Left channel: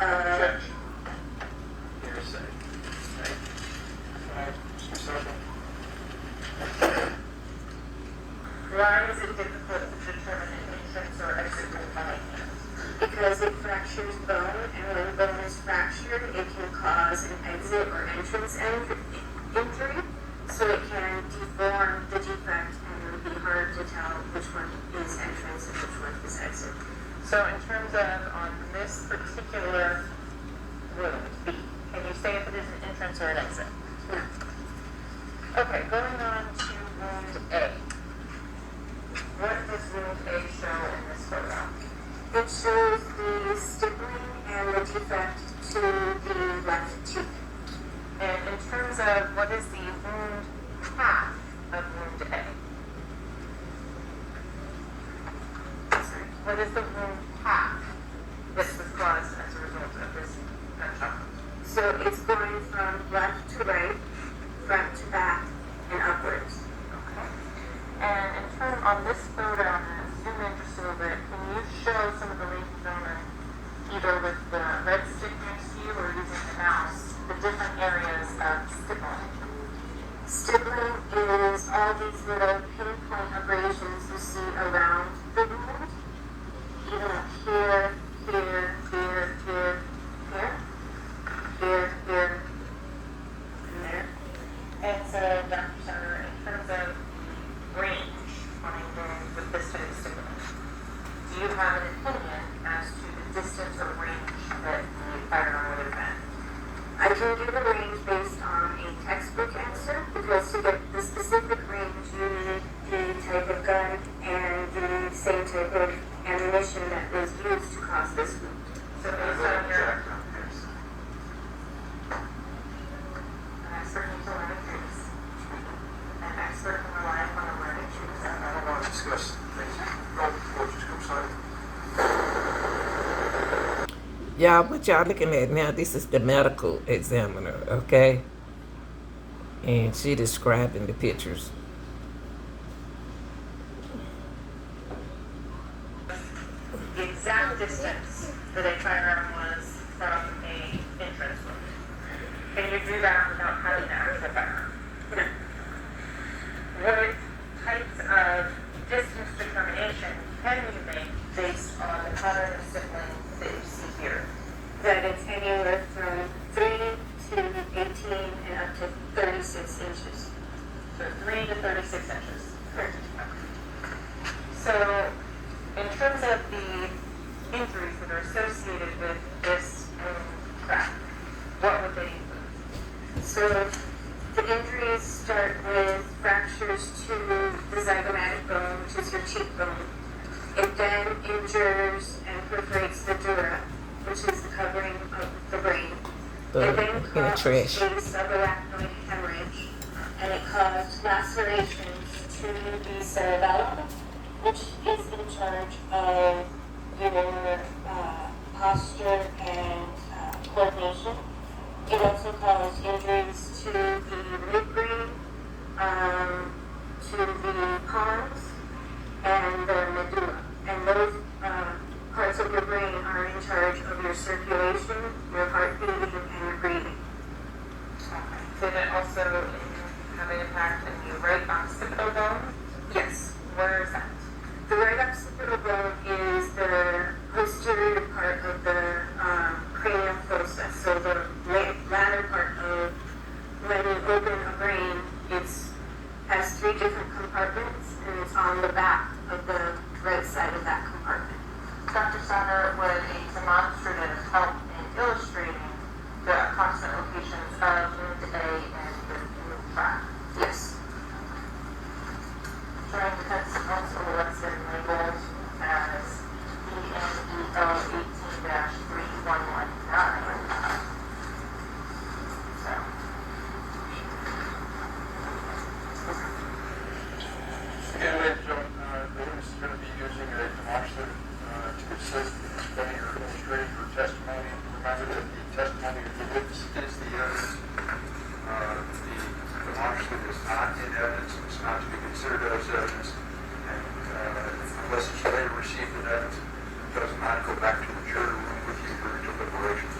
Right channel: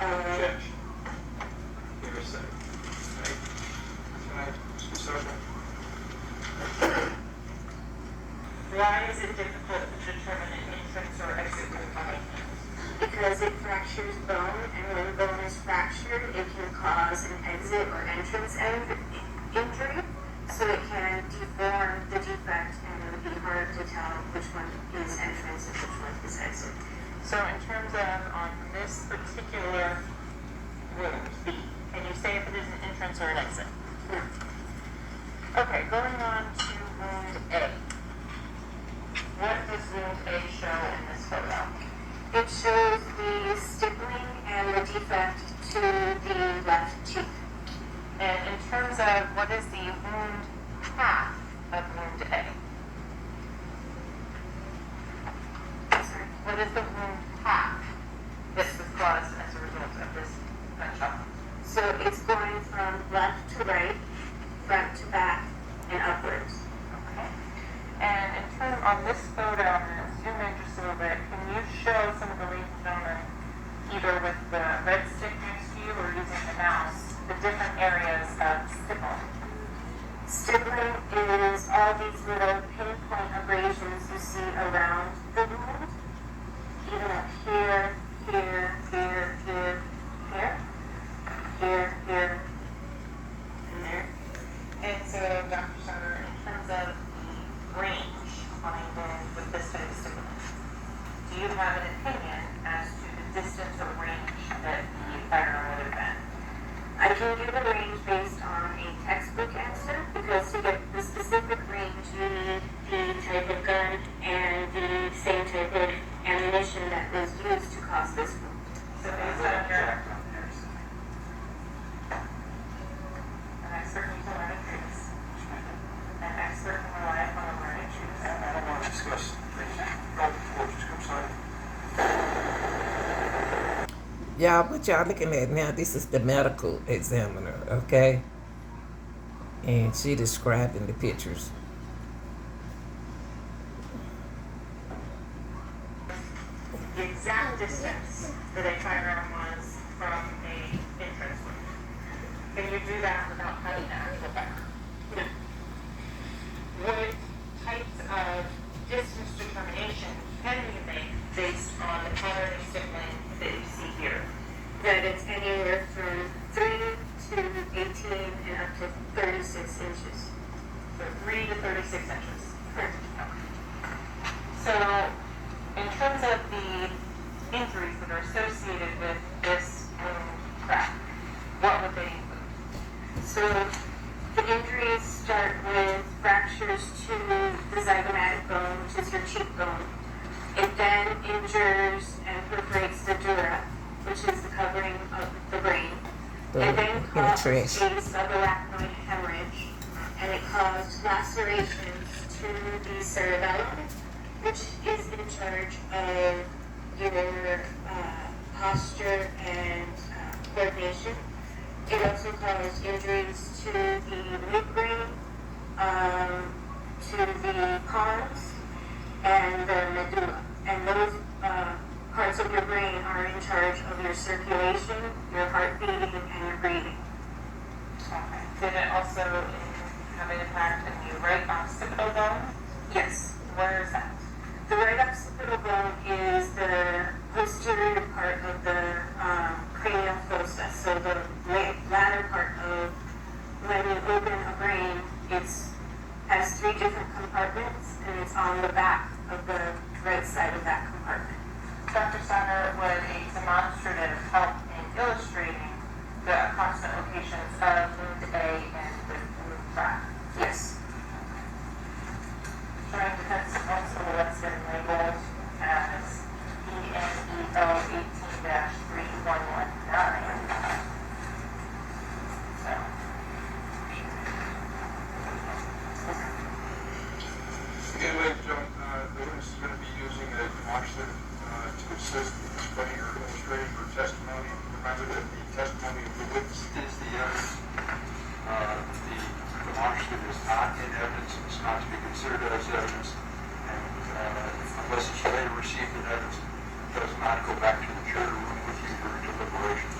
Objection. Hearsay. Right? Why is it difficult to determine an entrance or exit wound by hand? Because it fractures bone, and when bone is fractured, it can cause an exit or entrance injury, so it can deform the defect, and it would be hard to tell which one is entrance and which one is exit. So in terms of on this particular wound, B, can you say if it is an entrance or an exit? No. Okay, going on to wound A. What does wound A show in this photo? It shows the stippling and the defect to the left cheek. And in terms of what is the wound path of wound A? Sorry. What is the wound path that was caused as a result of this gunshot? So it's going from left to right, front to back, and upwards. Okay. And in terms on this photo, I'm going to zoom in just a little bit. Can you show some of the ladies and gentlemen, either with the red stick next to you or using the mouse, the different areas of stippling? Stippling is all these little pinpoint abrasions you see around the wound, even up here, here, here, here, here, here, here, and there. And so, Dr. Sutter, in terms of the range on a wound with this type of stippling, do you have an opinion as to the distance or range that the firearm would have been? I can give a range based on a textbook answer, because to get the specific range, you need the type of gun and the same type of ammunition that was used to cause this wound. So based on your an expert in utility trees, an expert in relying on a learning trees. I don't want to discuss this. Y'all, what y'all looking at now, this is the medical examiner, okay? And she describing the pictures. The exact distance that a firearm was from a entrance wound. Can you do that without having an actual firearm? No. What types of distance determination can you make based on the pattern of stippling that you see here? That it's anywhere from 3 to 18 and up to 36 inches. So 3 to 36 inches. So, in terms of the injuries that are associated with this wound crack, what would they include? So the injuries start with fractures to the zygomatic bone, which is your cheekbone. It then injures and perforates the dura, which is the covering of the brain. It then caused a subarachnoid hemorrhage, and it caused lacerations to the cerebellum, which is in charge of your posture and coordination. It also caused injuries to the midbrain, to the pons, and the medulla. And those parts of your brain are in charge of your circulation, your heart beating, and your breathing. Did it also have an impact on the right occipital bone? Yes. Where is that? The right occipital bone is the posterior part of the cranial fossa. So the latter part of when you open a brain, it has 3 different compartments, and it's on the back of the right side of that compartment. Dr. Sauer, would a demonstrative help in illustrating the approximate locations of wound A and the wound track? Yes. Showing defense counsel what's been labeled as ENEO 18-3119. So. Again, ladies and gentlemen, the witness is going to be using a demonstrative to assist in explaining or illustrating her testimony. Remember that the testimony of the witness is the evidence. The demonstrative is not in evidence. It's not to be considered as evidence. And unless it's later received in evidence, it does not go back to the jury room with you for deliberation.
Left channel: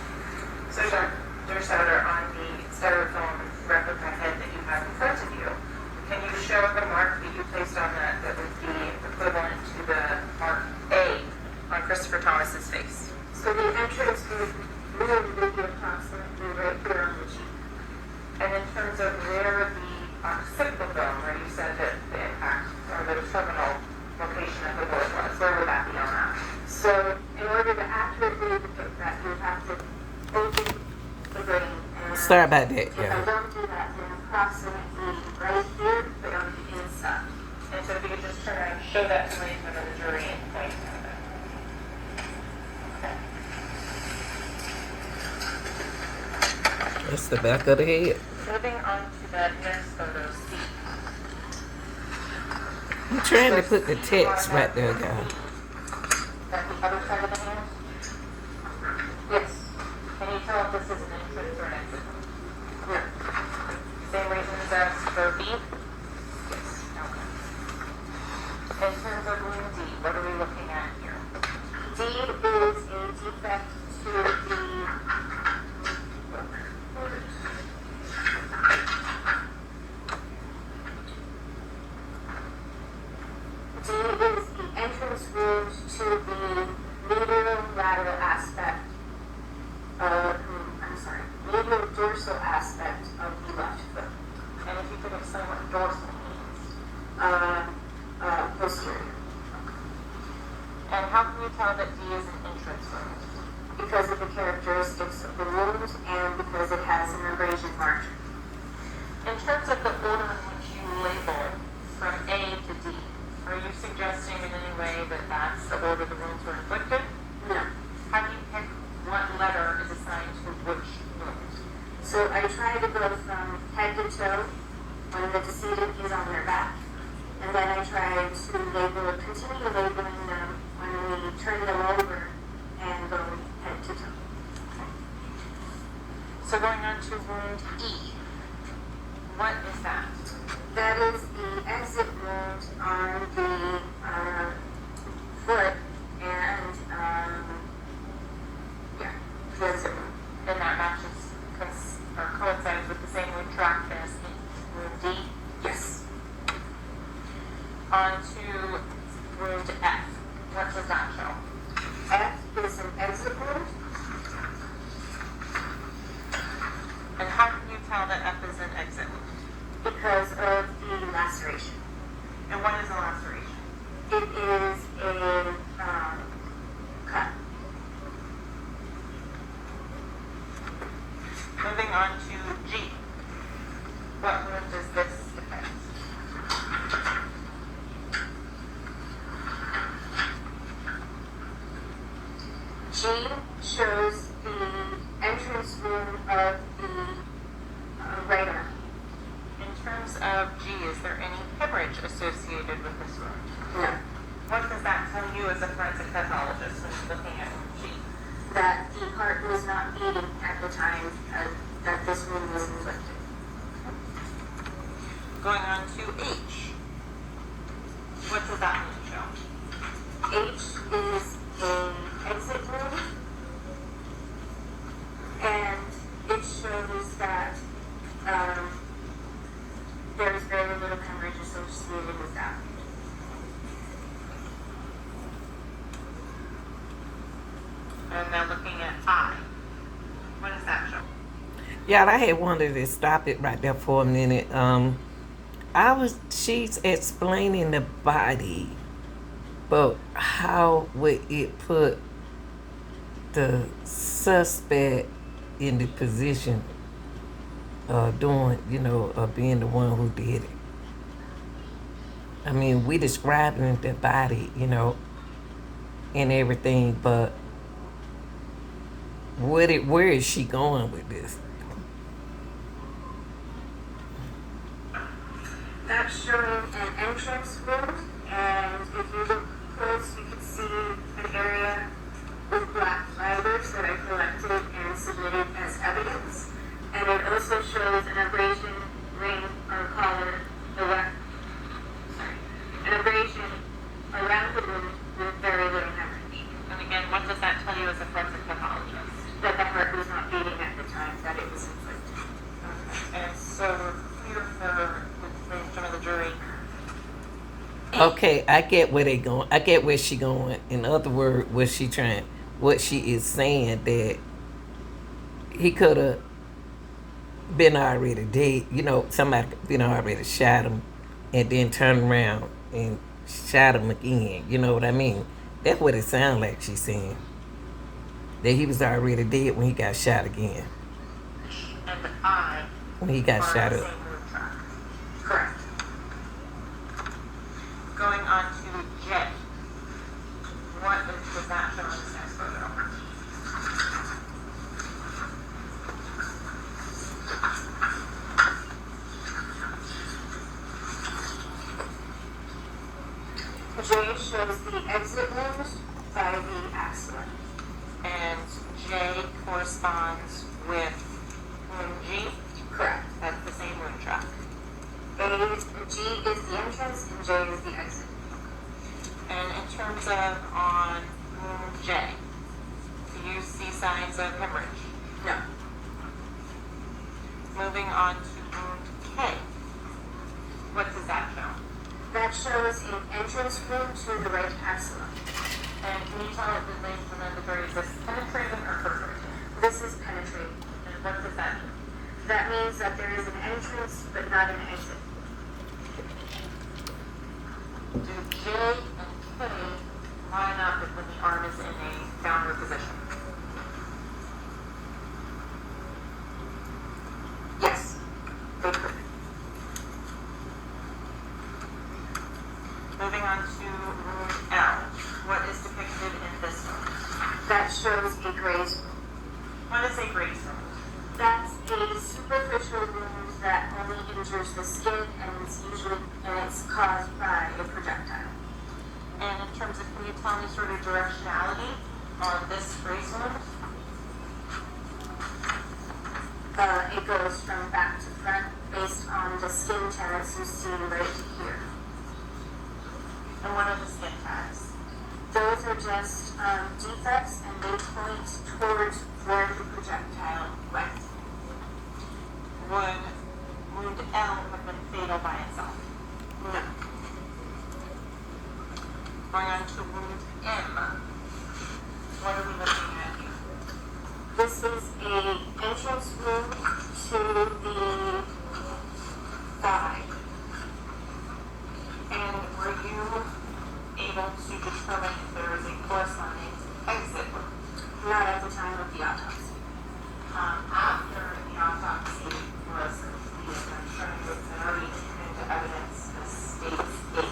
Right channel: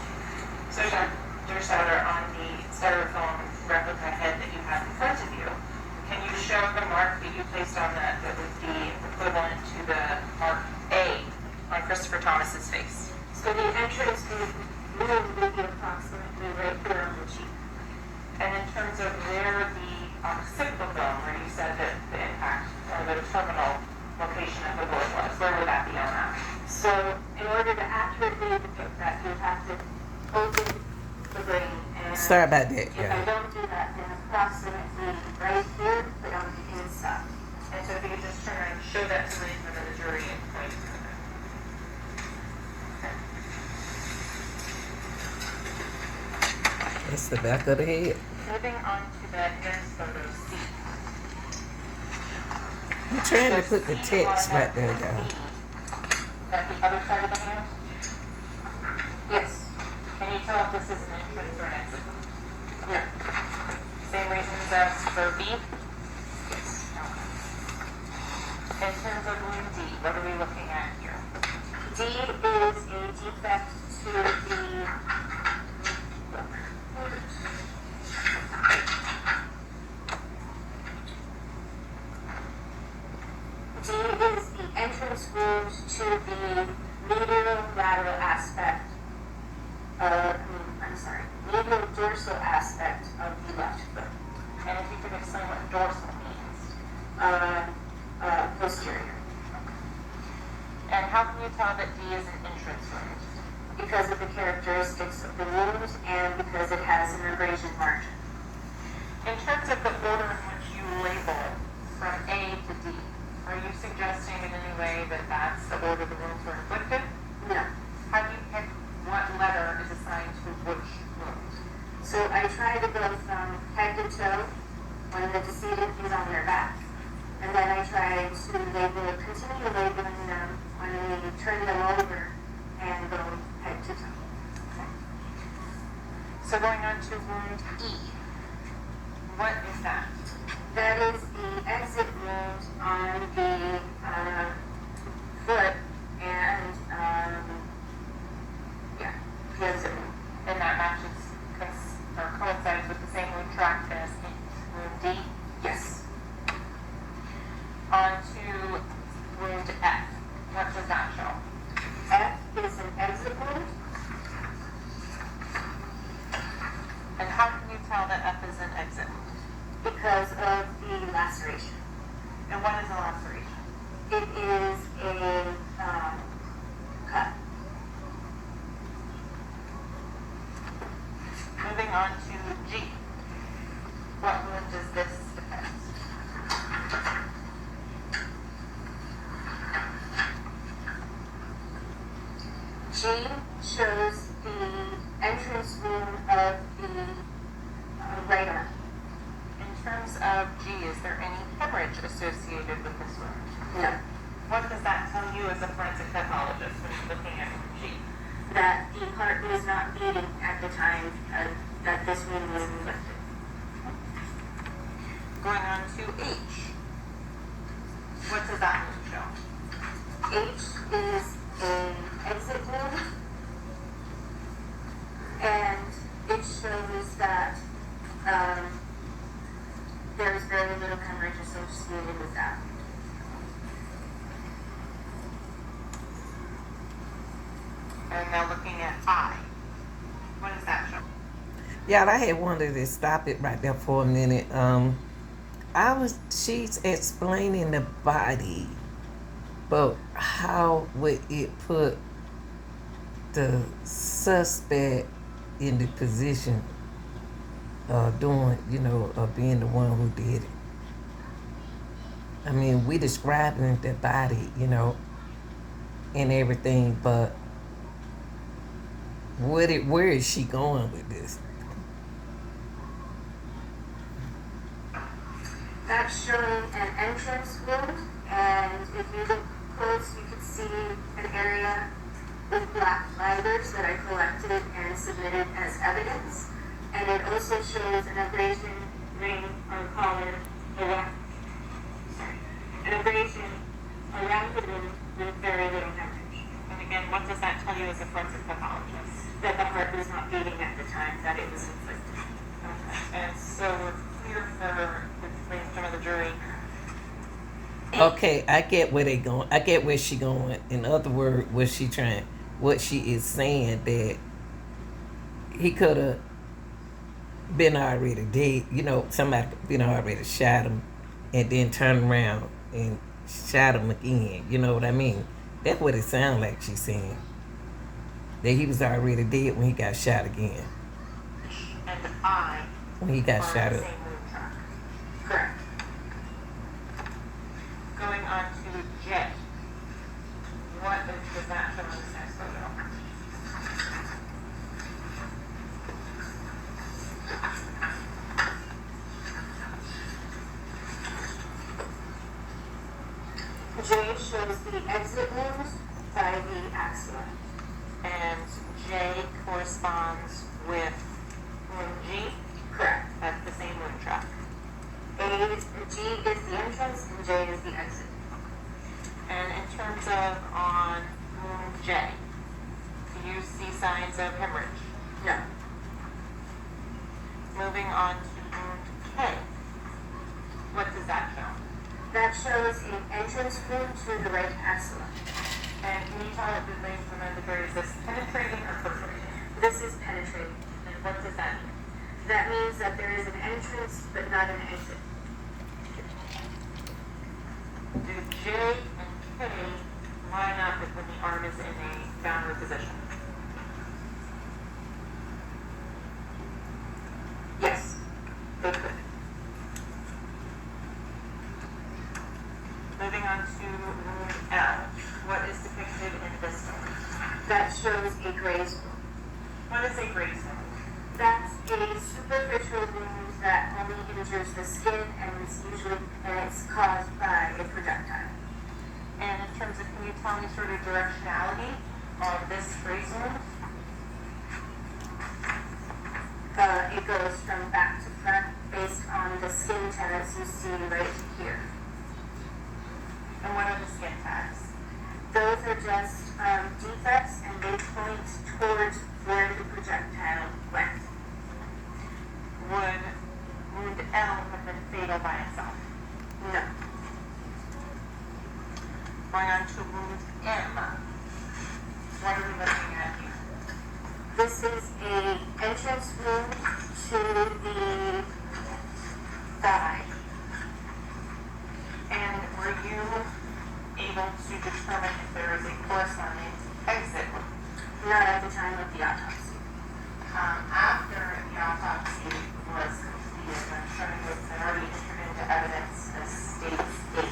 So the entrance wound would be approximately right here on the cheek. And in terms of where the occipital bone, where you said that the impact or the terminal location of the bullet was, where would that be on that? So in order to accurately depict that, you have to open the brain. And Sorry about that, if I yeah. don't do that, then approximately right here, but on the inside. And so if you could just turn around and show that to me for the jury and point. Okay. That's the back of the head. Moving on to that next photo, C. I'm trying to So put the C text on right there, that guys. C, at the other side of the hand? Yes. Can you tell if this is an entrance or an exit? No. Same reasons as for B? Yes. Okay. In terms of wound D, what are we looking at here? D is a defect to the D is the entrance wound to the medial lateral aspect of, medial dorsal aspect of the left foot. And if you could explain what dorsal means. Posterior. And how can you tell that D is an entrance wound? Because of the characteristics of the wound and because it has an abrasion margin. In terms of the order in which you label from A to D, are you suggesting in any way that that's the order the wounds were inflicted? No. How do you pick what letter is assigned to which wound? So I try to go from head to toe when the decedent is on their back. And then I try to continue labeling them when we turn them over and go head to toe. So going on to wound E, what is that? That is the exit wound on the foot and, the exit wound. And that matches or coincides with the same retractus in wound D? Yes. On to wound F, what does that show? F is an exit wound. And how can you tell that F is an exit wound? Because of the laceration. And what is a laceration? It is a cut. Moving on to G, what wound does this depict? G shows the entrance wound of the right arm. In terms of G, is there any hemorrhage associated with this wound? No. What does that tell you as a forensic pathologist when you're looking at G? That the heart was not beating at the time that this wound was inflicted. Going on to H, what does that wound show? H is an exit wound, and it shows that there is very little hemorrhage associated with that. And now looking at I, what does that show? Y'all, I had wanted to stop it right there for a minute. She's explaining the body, but how would it put the suspect in the position of being the one who did it? I mean, we describing the body, and everything, but where is she going with this? That's showing an entrance wound, and if you look close, you can see an area with black fibers that I collected and submitted as evidence. And it also shows an abrasion ring or collar, an abrasion around the wound with very little hemorrhage. And again, what does that tell you as a forensic pathologist? That the heart was not beating at the time that it was inflicted. Okay. And so we're here for in front of the jury. Okay, I get where they going. I get where she going. In other words, was she trying? what she is saying, that he could have been already dead. You know, somebody been already shot him and then turned around and shot him again. You know what I mean? That's what it sounds like she's saying. That he was already dead when he got shot again. And I When he got are shot the up. same moon track. Correct. Going on to J. What does that show in this next photo? J shows the exit wound by the axilla. And J corresponds with wound G. Correct. That's the same wound track. G is the entrance and J is the exit. And in terms of on wound J, do you see signs of hemorrhage? No. Moving on to wound K. What does that show? That shows an entrance wound to the right axilla. And can you tell if the length from the is this penetrating or perforating? This is penetrating. And what does that mean? That means that there is an entrance but not an exit. Do J and K line up when the arm is in a downward position? Yes, they could. Moving on to wound L. What is depicted in this one? That shows a graze wound. What is a graze wound? That's a superficial wound that only injures the skin and it's caused by a projectile. And in terms of, can you tell me sort of directionality on this graze wound? It goes from back to front based on the skin tags you see right here. And what are the skin tags? Those are just defects and they point towards where the projectile went. Would wound L have been fatal by itself? No. Going on to wound M. What are we looking at here? This is a entrance wound to the thigh. And were you able to determine if there is a corresponding exit wound? Not at the time of the autopsy. After the autopsy was completed, I'm showing you it's already entered into evidence as state 8.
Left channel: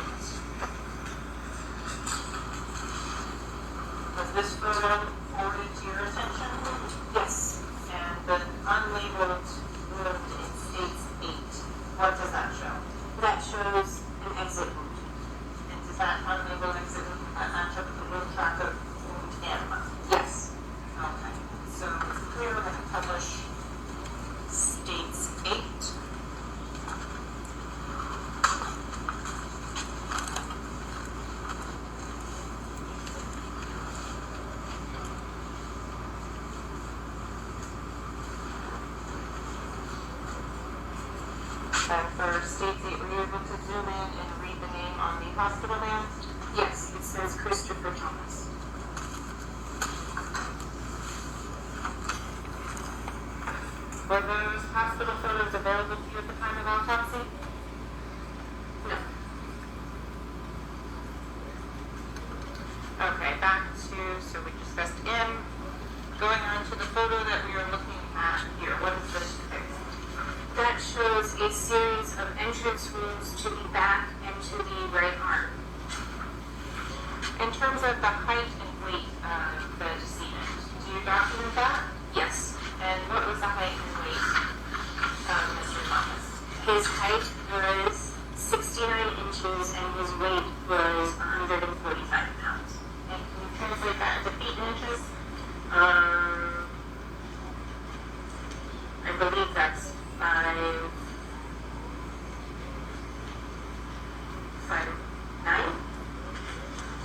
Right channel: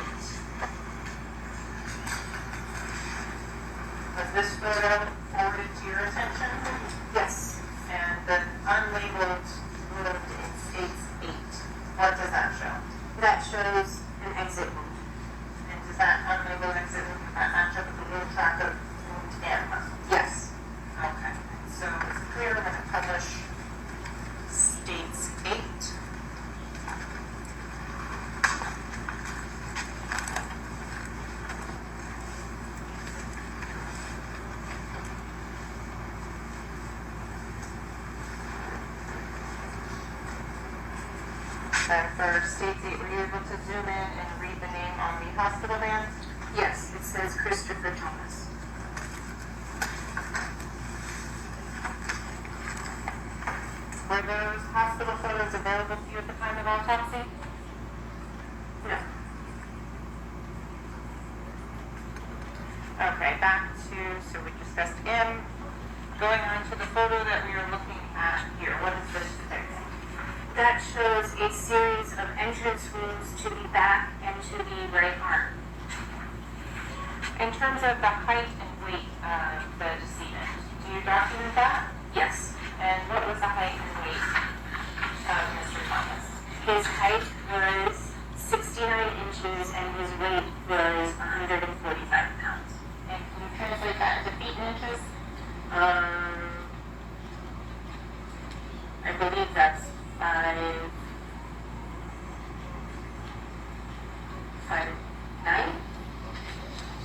Was this photo forwarded to your attention? Yes. And the unlabeled wound in state 8, what does that show? That shows an exit wound. And does that unlabeled exit wound match up with the wound track of wound M? Yes. Okay, so here we're going to publish states 8. And for states 8, were you able to zoom in and read the name on the hospital van? Yes, it says Christopher Thomas. Were those hospital photos available to you at the time of autopsy? No. Okay, back to, so we discussed M. Going on to the photo that we are looking at here. What is this depicting? That shows a series of entrance wounds to the back and to the right arm. In terms of the height and weight of the decedent, do you document that? Yes. And what was the height and weight of Mr. Thomas? His height was 69 inches and his weight was 145 pounds. And can you translate that into feet and inches? I believe that's 5'9".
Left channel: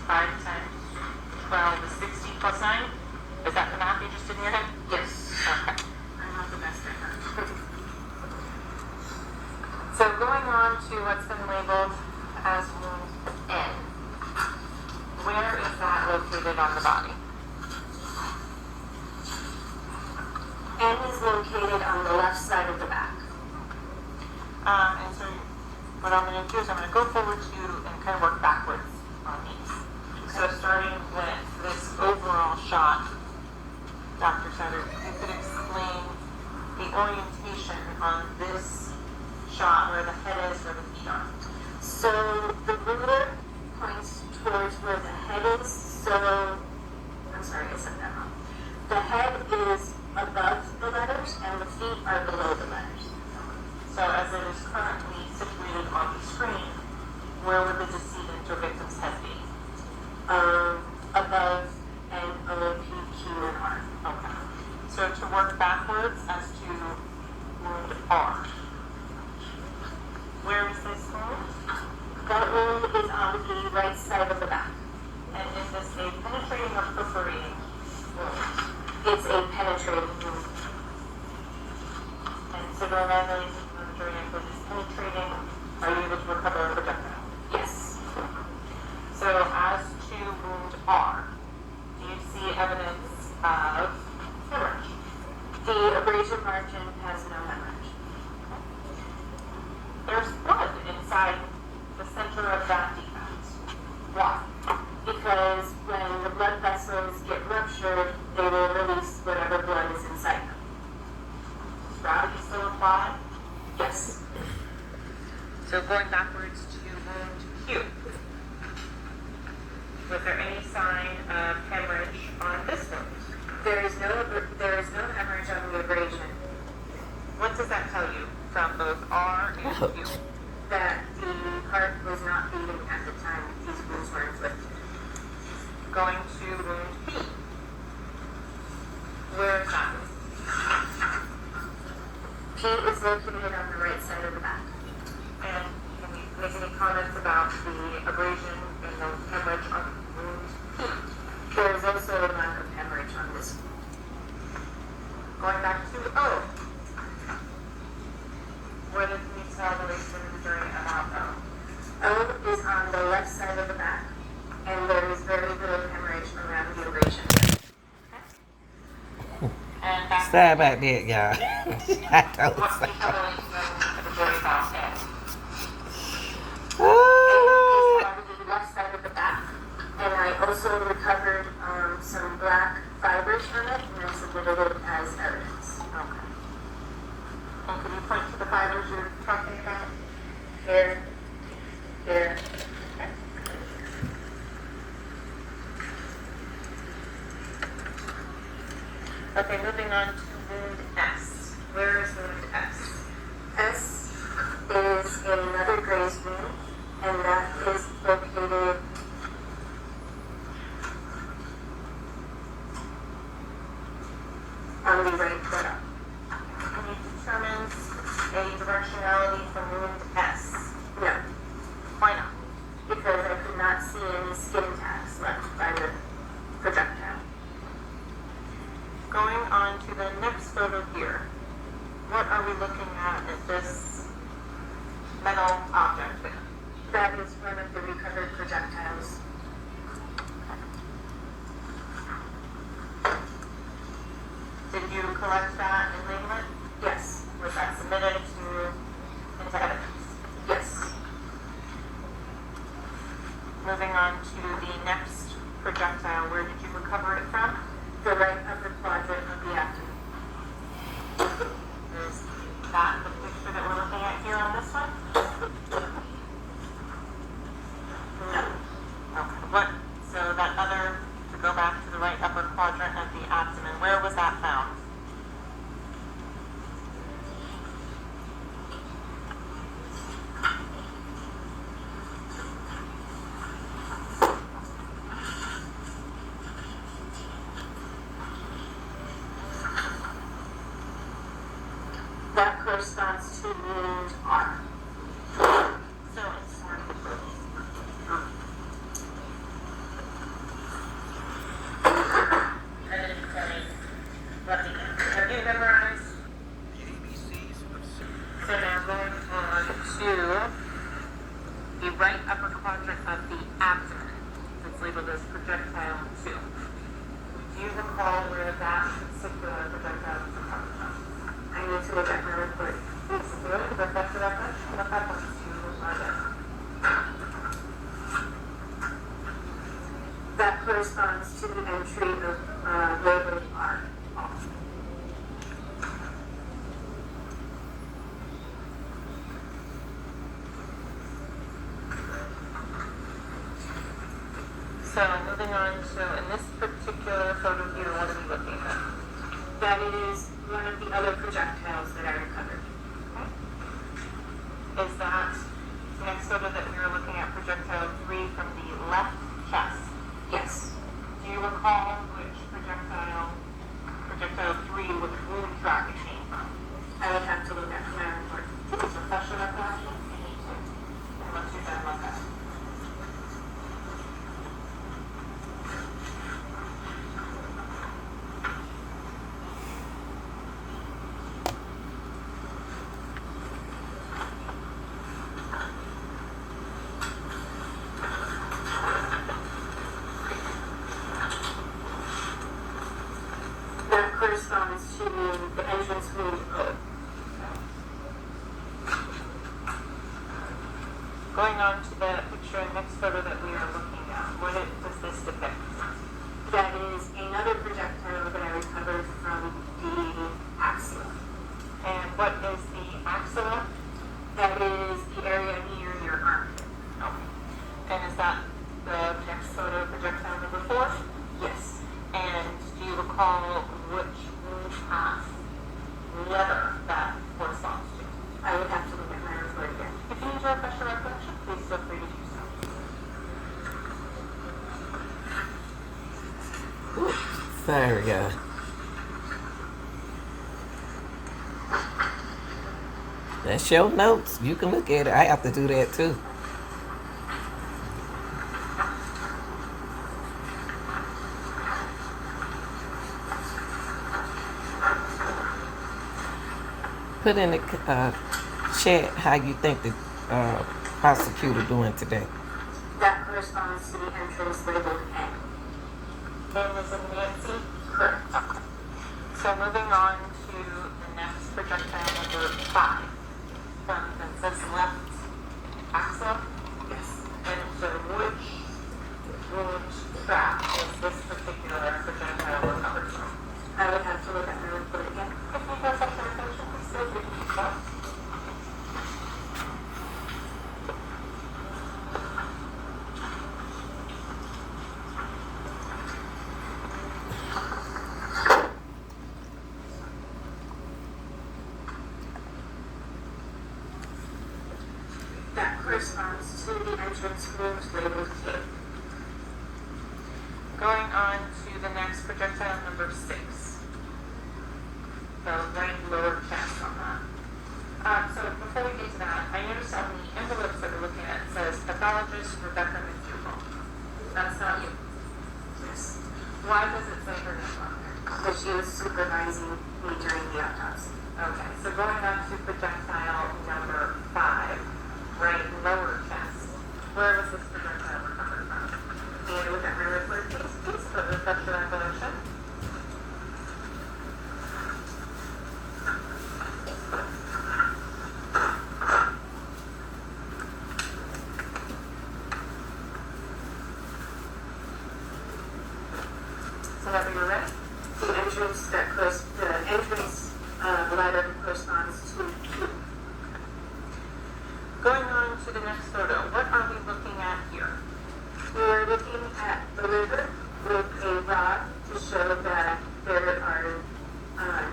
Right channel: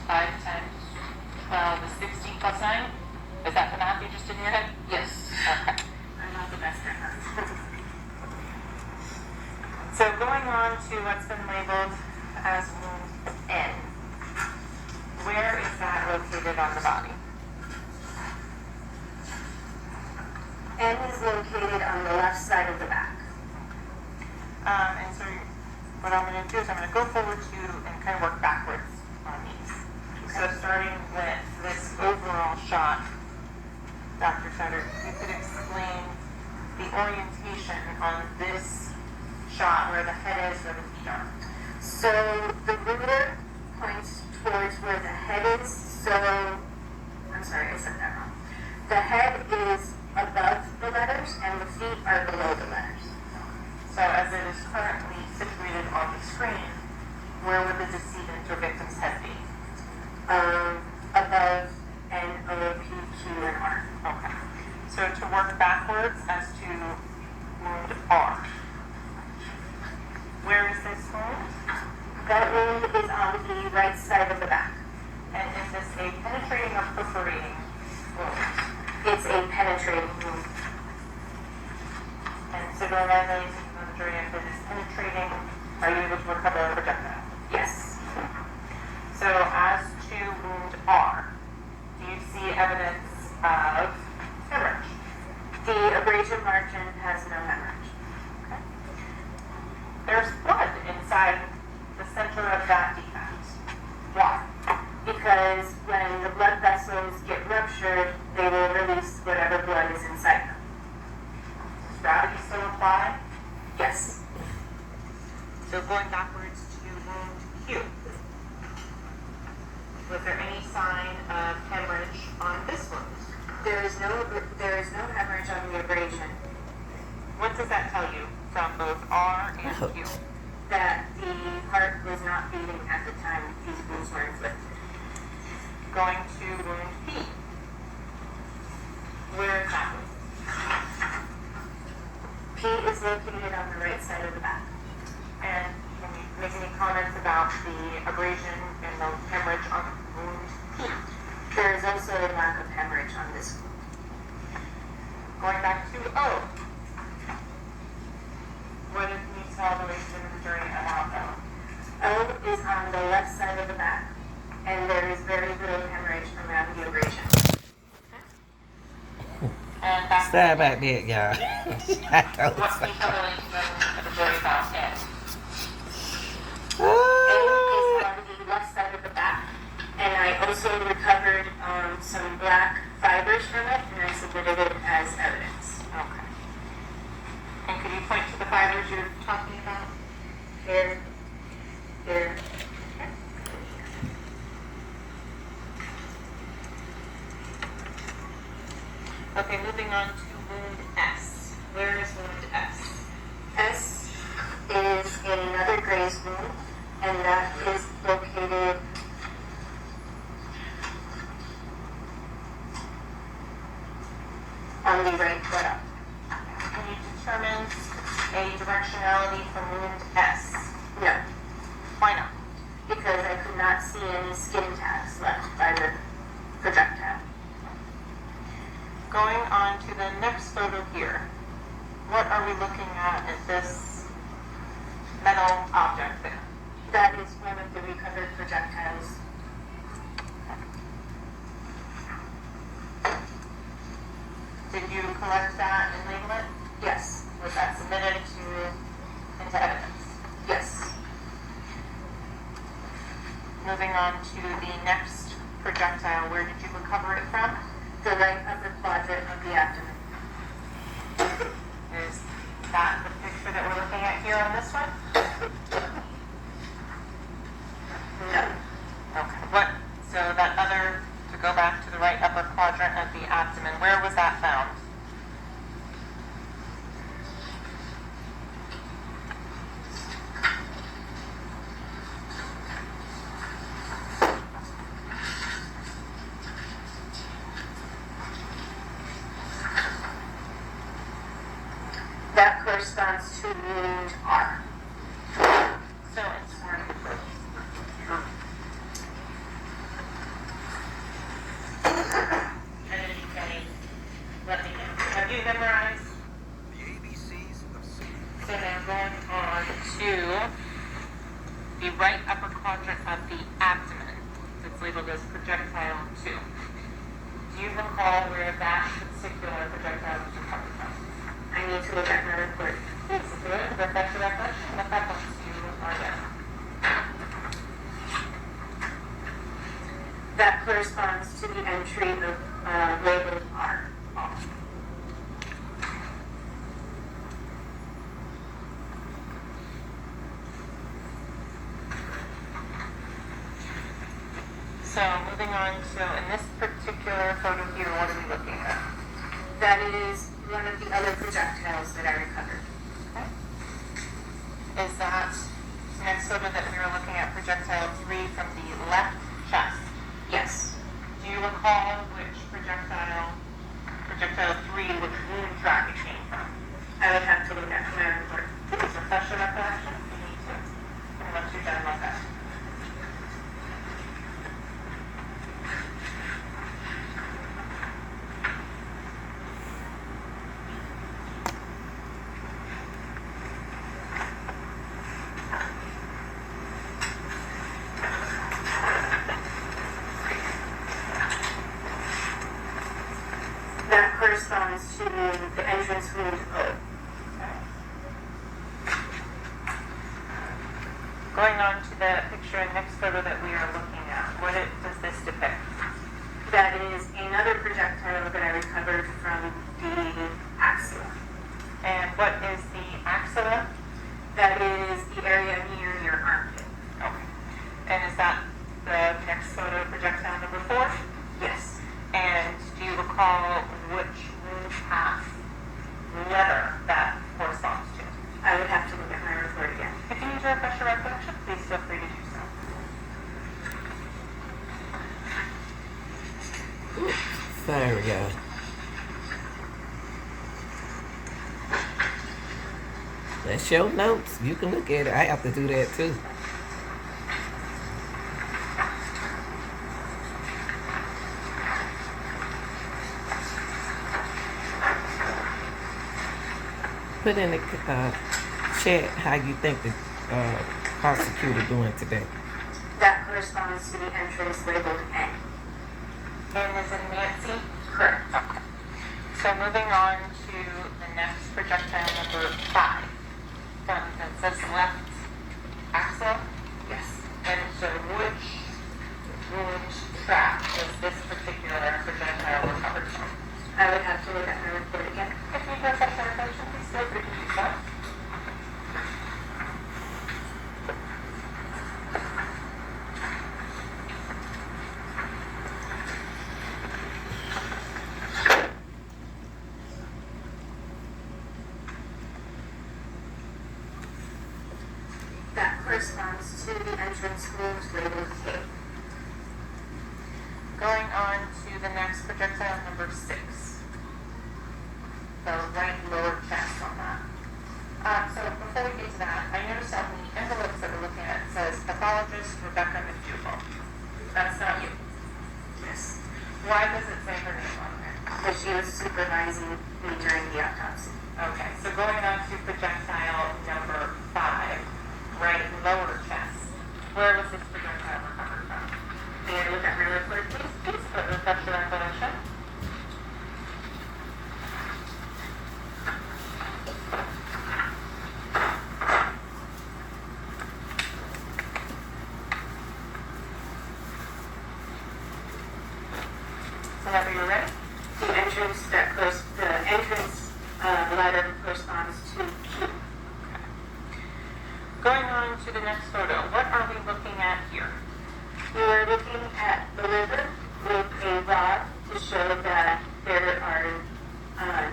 5 times 12 is 60 plus 9? Is that the math you just did in your head? Yes. Okay. I'm not the best at math. So going on to what's been labeled as wound N. Where is that located on the body? N is located on the left side of the back. And so what I'm going to do is I'm going to go forward to and kind of work backwards on these. So starting with this overall shot, Dr. Sutter, you could explain the orientation on this shot where the head is, where the feet are. So the ruler points towards where the head is. So, I'm sorry, I said that wrong. The head is above the letters and the feet are below the letters. So as it is currently situated on the screen, where would the decedent or victim's head be? Above N, O, P, Q, and R. Okay. So to work backwards as to wound R. Where is this wound? That wound is on the right side of the back. And is this a penetrating or perforating wound? It's a penetrating wound. And so during if it is penetrating, are you able to recover a projectile? Yes. So as to wound R, do you see evidence of hemorrhage? The abrasion margin has no hemorrhage. Okay. There's blood inside the center of that defect. Why? Because when the blood vessels get ruptured, they will release whatever blood is inside them. Does gravity still apply? Yes. So going backwards to wound Q. Was there any sign of hemorrhage on this wound? There is no hemorrhage on the abrasion. What does that tell you from both R and Q? That the heart was not beating at the time these wounds were inflicted. Going to wound P. Where is that wound? P is located on the right side of the back. And can you make any comments about the abrasion and the hemorrhage on wound P? There is also a lack of hemorrhage on this wound. Going back to O. What can you tell the ladies and during about O? O is on the left side of the back, and there is very little hemorrhage around the abrasion. And that's Sorry about that, y'all. I don't what can you tell the ladies and during about N? Oh, Is on the left side of the back, and I also recovered some black fibers from it, and I submitted it as evidence. Okay. And could you point to the fibers you're talking about? There. Okay, moving on to wound S. Where is wound S? S is another graze wound, and that is located on the right foot up. Can you determine a directionality from wound S? No, Why not? because I could not see any skin tags left by the projectile. Going on to the next photo here. What are we looking at this metal object there? That is one of the recovered projectiles. Did you collect that and label it? Yes, Was that submitted into evidence? yes. Moving on to the next projectile, where did you recover it from? The right upper quadrant of the abdomen. Is that the picture that we're looking at here on this one? No. Okay. What? So that other, to go back to the right upper quadrant of the abdomen, where was that found? That corresponds to wound R. So it's let me have you memorized? So now going on to the right upper quadrant of the abdomen. It's labeled as projectile 2. Do you recall where that particular projectile was recovered from? I need to look at my report. Please do it. Refresh your recollection. What happens to you are there? That corresponds to the entry of labeled R. So moving on to, in this particular photo here, what are we looking at? That is one of the other projectiles that I recovered. Okay. Is that the next photo that we are looking at, projectile 3 from the left chest? Yes. Do you recall which projectile 3, which wound track it came from? I would have to look at my report. Please refresh your recollection. You need to. And once you're done, look at it. That corresponds to the entrance wound O. Going on to the picture and next photo that we are looking at, what does this depict? That is another projectile that I recovered from the axilla. And what is the axilla? That is the area near your armpit. Okay. And is that the next photo, projectile number 4? Yes. And do you recall which wound path letter that corresponds to? I would have to look at my report again. If you need to refresh your recollection, please feel free to do so. Sorry, y'all. That's your notes. You can look at it. I have to do that too. Put in the chat how you think the prosecutor doing today. That corresponds to the entrance labeled N. N is in Nancy. Correct. So moving on to the next projectile number 5. That says left axilla. Yes. And so which wound track is this particular projectile recovered from? I would have to look at my report again. If you have such information, please feel free to do so. That corresponds to the entrance wound labeled K. Going on to the next projectile number 6. The right lower chest on that. So before we get to that, I noticed on the envelopes that we're looking at, it says pathologist Rebecca McDougall. That's not you. Yes. Why does it say her name on there? Because she was supervising me during the autopsy. Okay, so going on to projectile number 5, right lower chest. Where was this projectile recovered from? May I look at my report, please? Please put refresh your recollection. Whenever you're ready. The entrance letter corresponds to Q. Going on to the next photo, what are we looking at here? We are looking at the liver with a rod to show that there are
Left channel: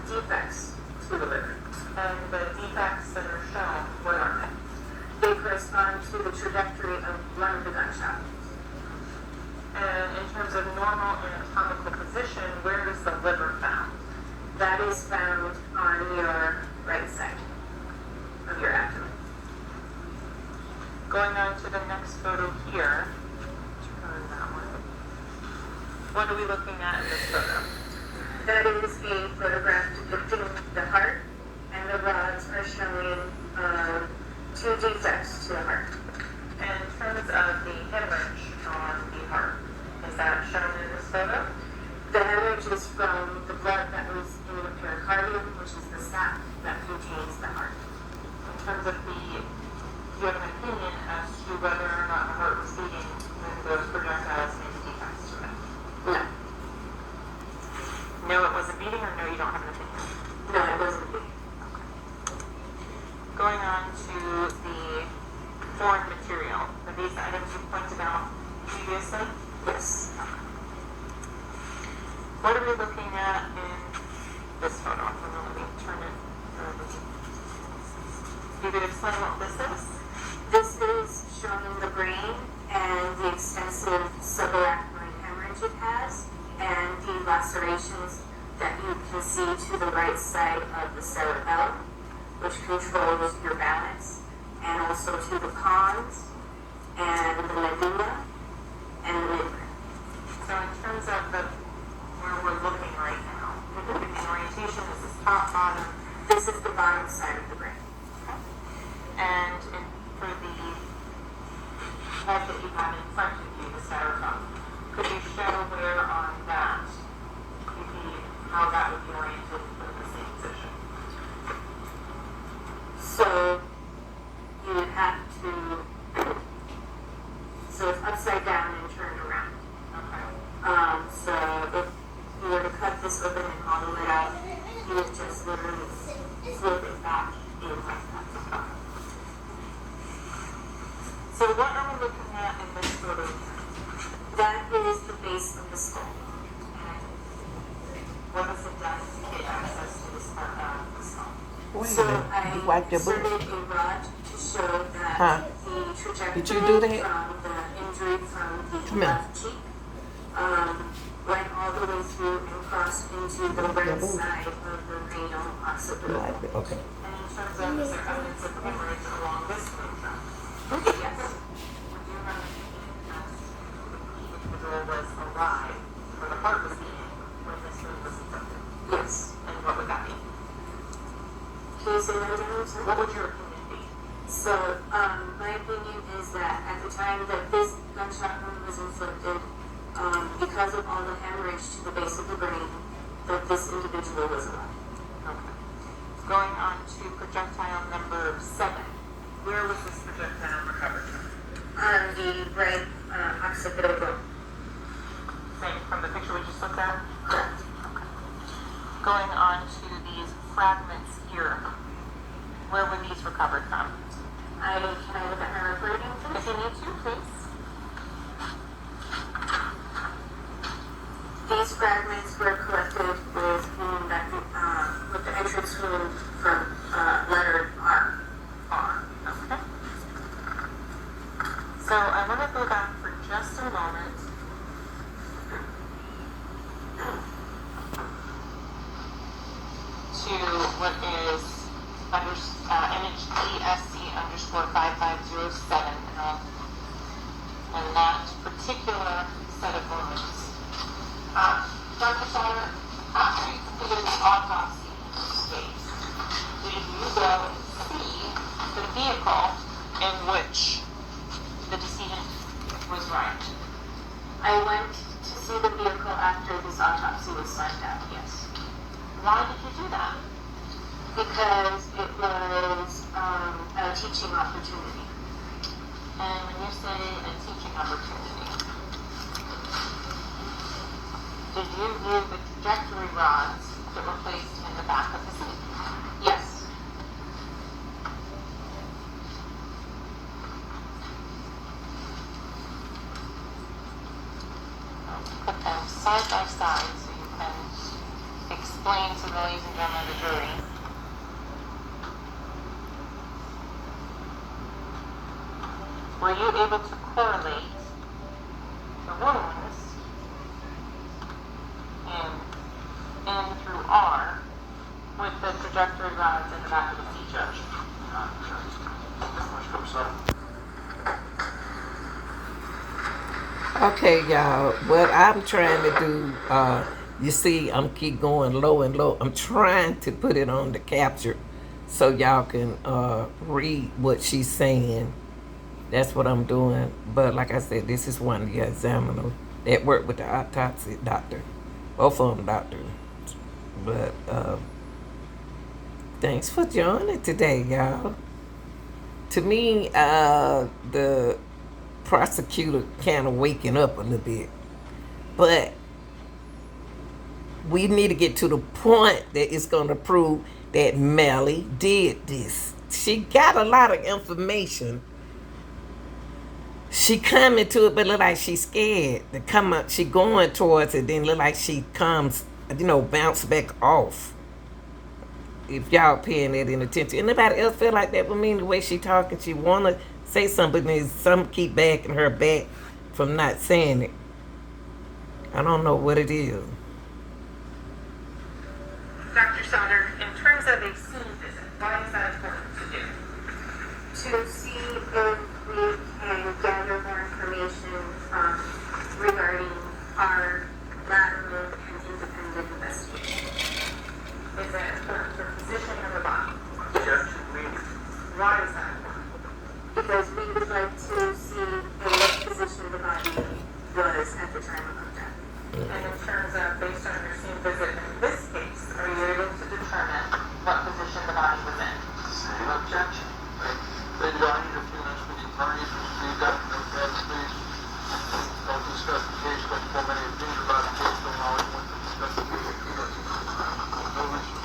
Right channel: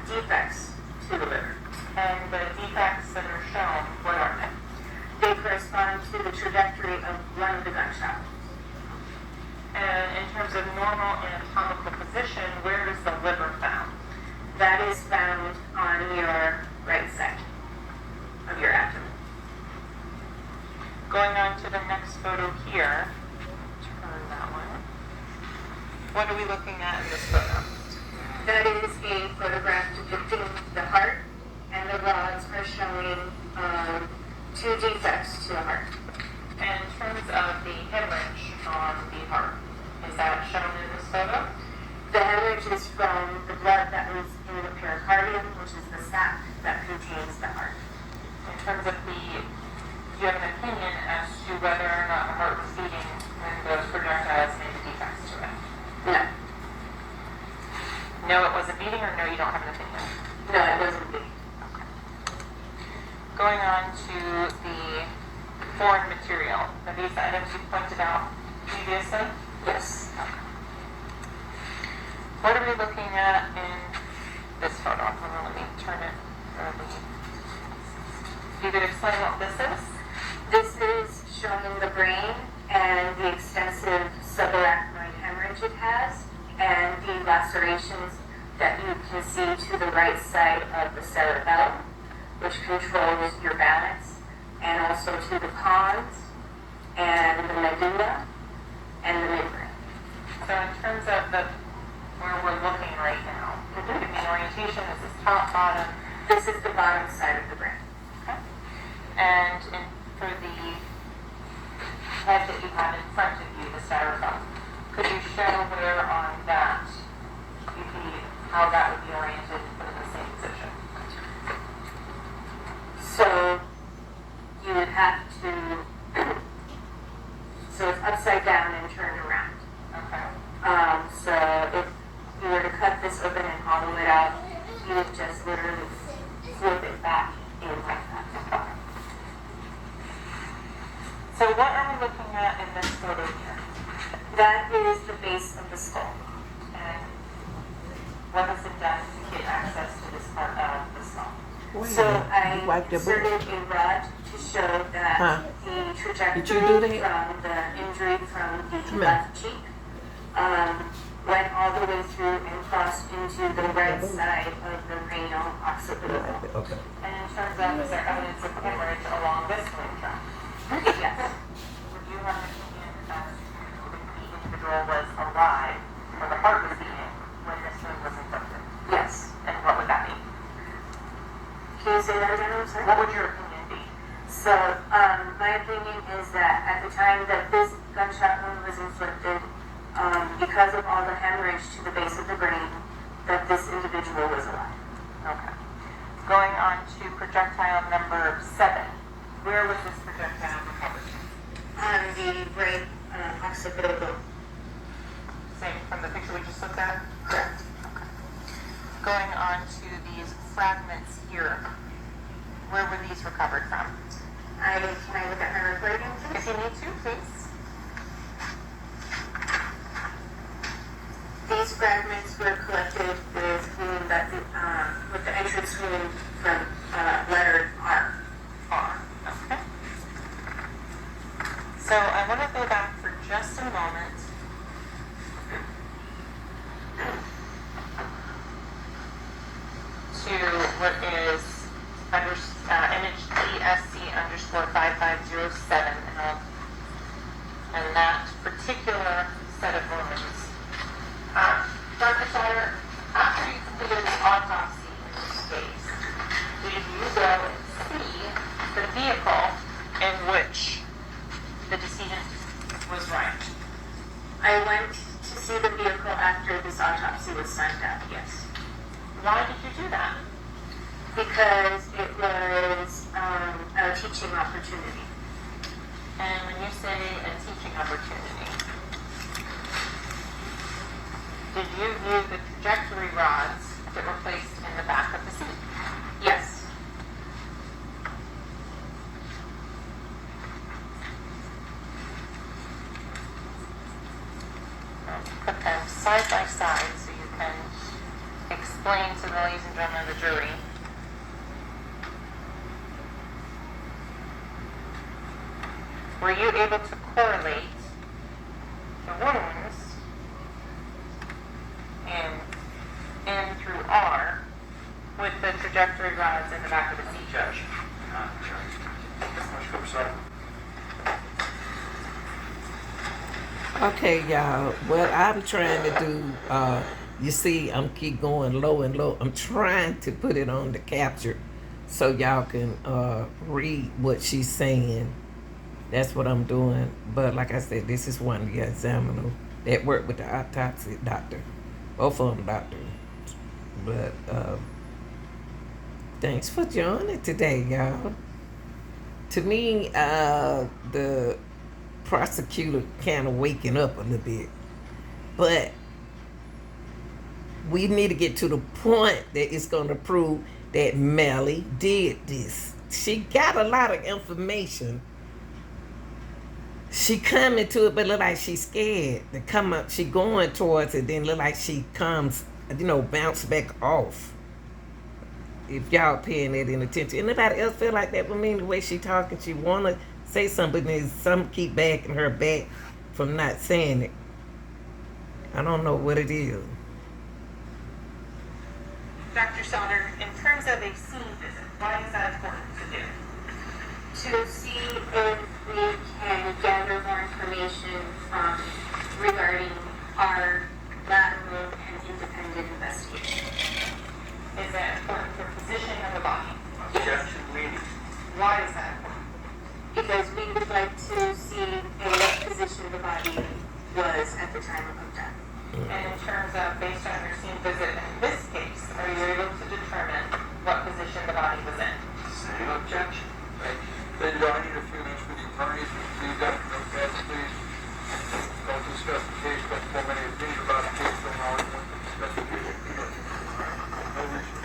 defects to the liver. And the defects that are shown, what are they? They correspond to the trajectory of one of the gunshot wounds. And in terms of normal anatomical position, where is the liver found? That is found on your right side of your abdomen. Going on to the next photo here. Turn that one. What are we looking at in this photo? That is a photograph depicting the heart, and the rods are showing 2 defects to the heart. And in terms of the hemorrhage on the heart, is that shown in this photo? The hemorrhage is from the blood that was in the pericardium. pericardium, which is the sac that contains the heart. In terms of do you have an opinion as to whether or not the heart was beating when those projectiles made the defects to it? No. No, it wasn't beating, or no, you don't have an opinion? No, it wasn't beating. Okay. Going on to the foreign material. Are these items you pointed out previously? Yes. Okay. What are we looking at in this photo? Let me turn it over. You could explain what this is? This is showing the brain and the extensive subarachnoid hemorrhage it has, and the lacerations that you can see to the right side of the cerebellum, which controls your balance, and also to the pons, and the medulla, and the midbrain. So in terms of where we're looking right now, give me an orientation. Is this top, bottom? This is the bottom side of the brain. Okay. And for the head that you have in front of you, the styrofoam, could you show where on that you see how that would be oriented and put in the same position? So you would have to, so it's upside down and turned around. Okay. So if you were to cut this open and hollow it out, you would just literally flip it back in like that. So what are we looking at in this photo here? That is the base of the skull. And what has it done to get access to this part of the skull? Wait a So minute. I You wiped your inserted butt? a rod to show that Huh? the trajectory Did you do that? from the injury from the Come here. left cheek went all the way through and crossed into the right side of the renal occipital. Okay. And in terms of, is there evidence of hemorrhage along this bone tract? Yes. Would you have an opinion as to if the individual was alive or the heart was beating when this wound was inflicted? Yes. And what would that be? Can you say that again? I'm sorry. What would your opinion be? So, my opinion is that at the time that this gunshot wound was inflicted, because of all the hemorrhage to the base of the brain, that this individual was alive. Okay. Going on to projectile number 7. Where was this projectile recovered from? On the right occipital bone. Same from the picture we just looked at? Correct. Going on to these fragments here. Where were these recovered from? Can I look at my recording, If please? you need to, please. These fragments were collected with the entrance wound from letter R. R. Okay. So I want to go back for just a moment. To what is image DSC_5507, and that particular set of wounds. Dr. Shire, after you completed the autopsy in this case, did you go and see the vehicle in which the decedent was right? I went to see the vehicle after this autopsy was signed out, yes. Why did you do that? Because it was a teaching opportunity. And when you say a teaching opportunity, did you view the trajectory rods that were placed in the back of the seat? Yes. Put them side by side so you can explain to the ladies and gentlemen of the jury. Were you able to correlate the wounds in N through R with the trajectory rods in the back of the seat, Judge? Okay, y'all. What I'm trying to do, you see, I'm keep going low and low. I'm trying to put it on the capture so y'all can read what she's saying. That's what I'm doing. But like I said, this is one of the examiners that worked with the autopsy doctor. Both of them doctors. But Thanks for joining today, y'all. To me, the prosecutor kind of waking up a little bit, but we need to get to the point that it's going to prove that Melly did this. She got a lot of information. She coming to it, but look like she's scared to come up. She going towards it, then look like she comes, bounce back off. If y'all paying that in attention. Anybody else feel like that with me? The way she talking, she wanna say something, but then some keep backing her back from not saying it. I don't know what it is. Dr. Sauter, in terms of a scene visit, what is that important to do? To see if we can gather more information regarding our lateral and independent investigation. Is that important for positioning of the body? Objection, leading. Why is that important? Because we would like to see in what position the body was at the time of our death. And in terms of, based on your scene visit in this case, are you able to determine what position the body was in? Same objection. Then do I need a few minutes with the attorneys to receive that? Notepads, please. Don't discuss the case, don't form any opinion about the case, don't always want to discuss the case. No reason.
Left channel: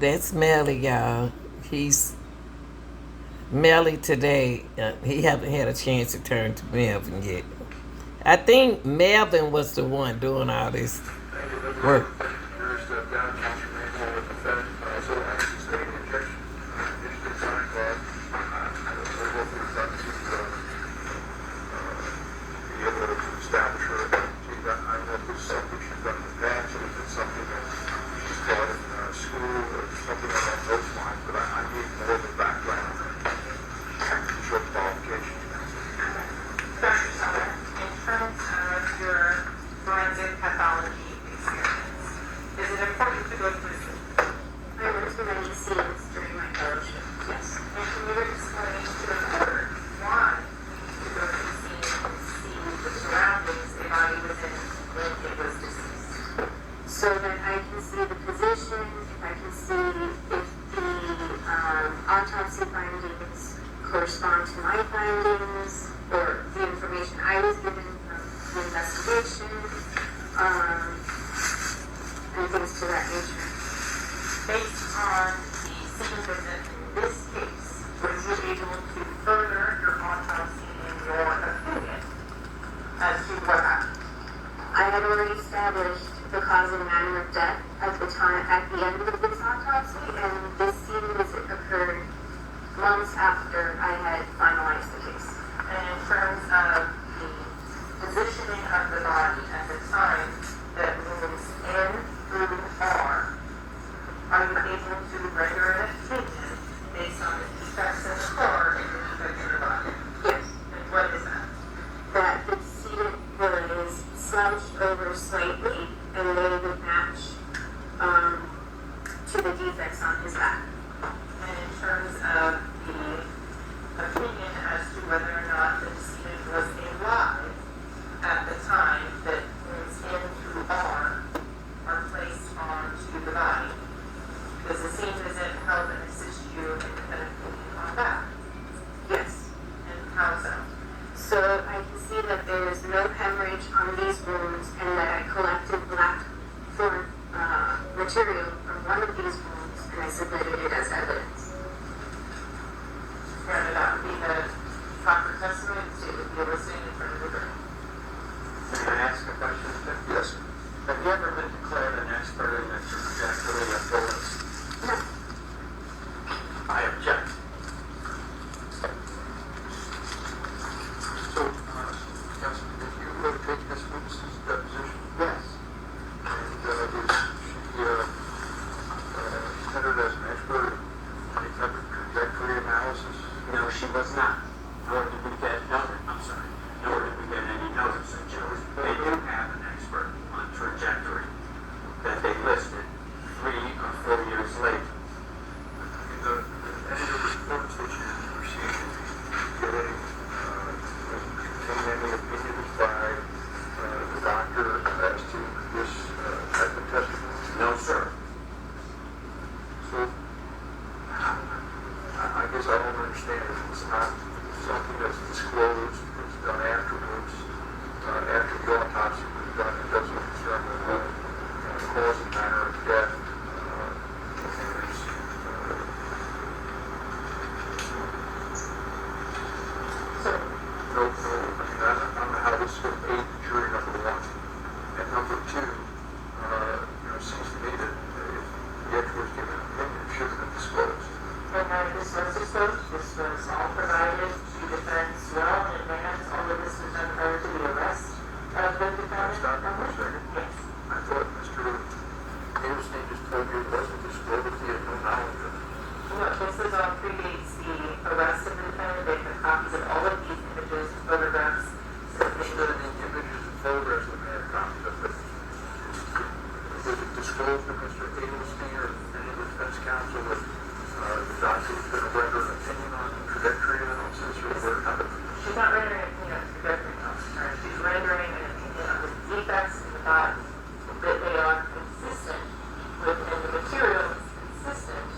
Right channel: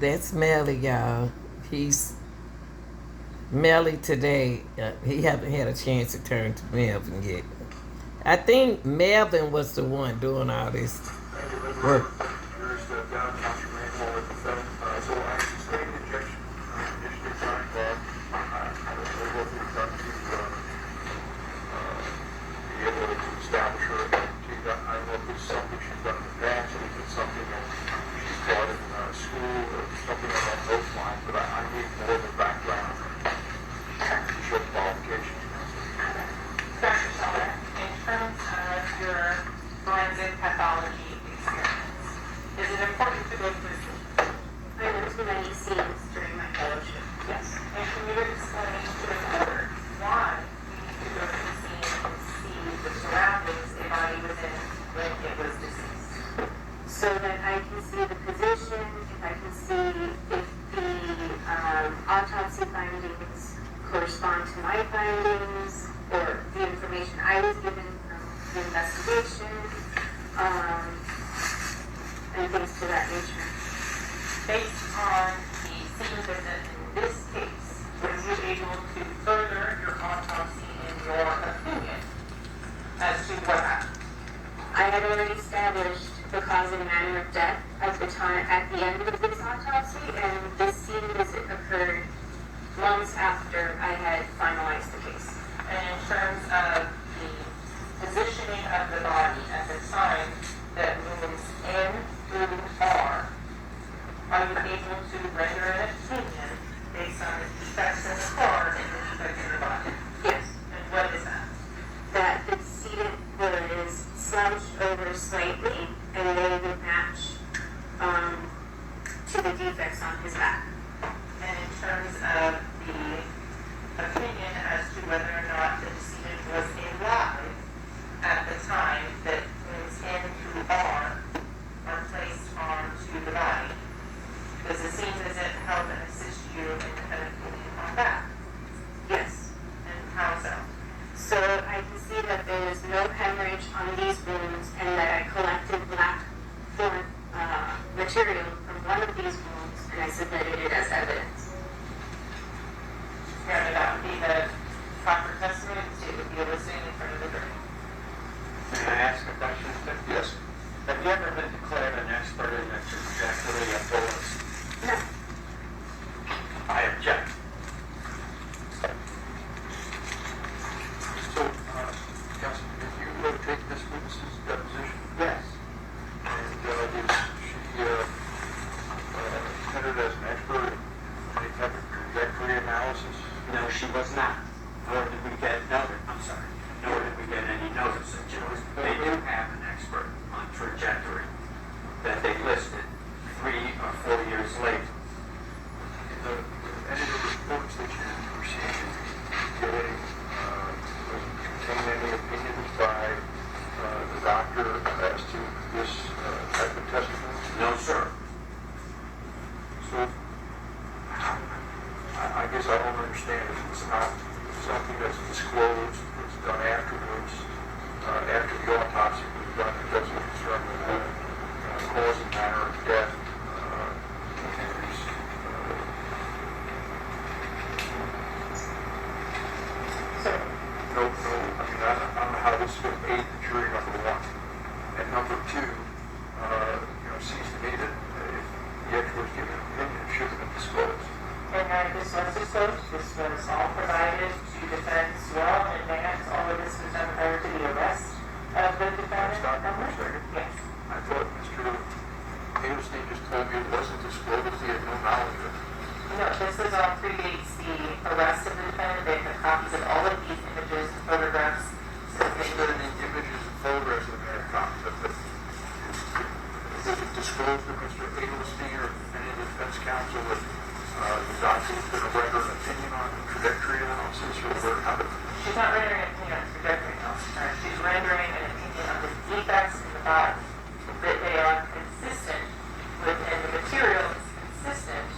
That's Melly, y'all. He's Melly today. He haven't had a chance to turn to Melvin yet. I think Melvin was the one doing all this work. Here's the downtown manual of defendant. So I sustain the objection, initially signed by, I don't know what we've done to, be able to establish her identity. I don't know if it's something she's done in the past, or if it's something that she's taught in school, or something along those lines, but I need more of a background to show qualifications. Dr. Sauter, in terms of your forensic pathology experience, is it important to go through this? I went to many scenes during my fellowship. Yes. And can you explain to the court why we need to go through the scene and see the surroundings a body was in when it was deceased? So that I can see the position, if I can see if the autopsy findings correspond to my findings, or the information I was given from the investigation, and things to that nature. Based on the scene visit in this case, were you able to further your autopsy in your opinion as to what happened? I had already established the cause and manner of death at the end of this autopsy, and this scene visit occurred months after I had finalized the case. And in terms of the positioning of the body at the time that moves in through R, are you able to render an opinion based on the defects in the car and the defects in the body? Yes. And what is that? That the seat was slouched over slightly, and they would match to the defects on his back. And in terms of the opinion as to whether or not the decedent was alive at the time that moves in through R are placed onto the body, does the scene visit help and assist you in an opinion on that? Yes. And how so? So I can see that there was no hemorrhage on these wounds, and that I collected black form material from one of these wounds, and I submitted it as evidence. May that be the proper testimony the state would be eliciting in front of the jury? May I ask a question? Yes. Have you ever been declared an expert in the trajectory of bullets? No. I object. So, Counsel, did you take this witness's deposition? Yes. And was she considered as an expert in any type of trajectory analysis? No, she was not. Nor did we get any notice of Joe's. They do have an expert on trajectory that they listed 3 or 4 years later. The I guess I don't understand if it's not something that's disclosed, it's done afterwards, after the autopsy was done, it doesn't concern the cause and manner of death. There's, So, no, I mean, I don't know how this will aid the jury, number one. And number two, it seems to me that if the expert's given an opinion, it should have been disclosed. and then this was disclosed, this was all provided to defense well in advance, all of this was done prior to the arrest of the defendant. Stop for a second. Yes. I thought Mr. Hazelstein just told me it wasn't disclosed, he had no knowledge of it. No, this is all predates the arrest of the defendant. They have copies of all of these images, photographs, Instead of the images and photographs that may have copies of it, was it disclosed to Mr. Hazelstein or any of the defense counsel that the doctor was going to render an opinion on the trajectory analysis or where, how did She's not rendering an opinion on trajectory analysis, right? She's rendering an opinion on the defects in the body, that they are consistent with, and the material is consistent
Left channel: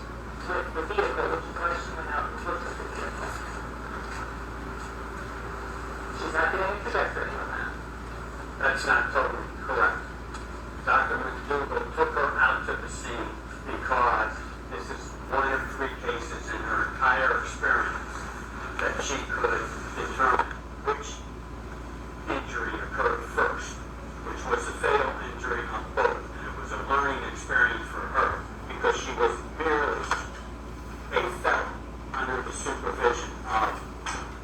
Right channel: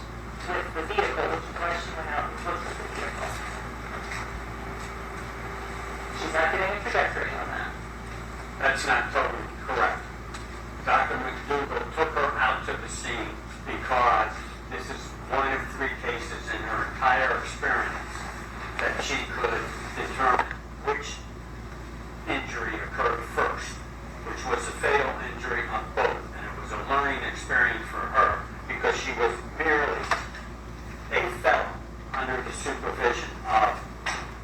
with the vehicle, which is why she went out and looked at the vehicle. She's not getting a trajectory on that. That's not totally correct. Dr. McDougall took her out to the scene because this is one of 3 cases in her entire experience that she could determine which injury occurred first, which was a fatal injury on both. And it was a learning experience for her because she was merely a fellow under the supervision of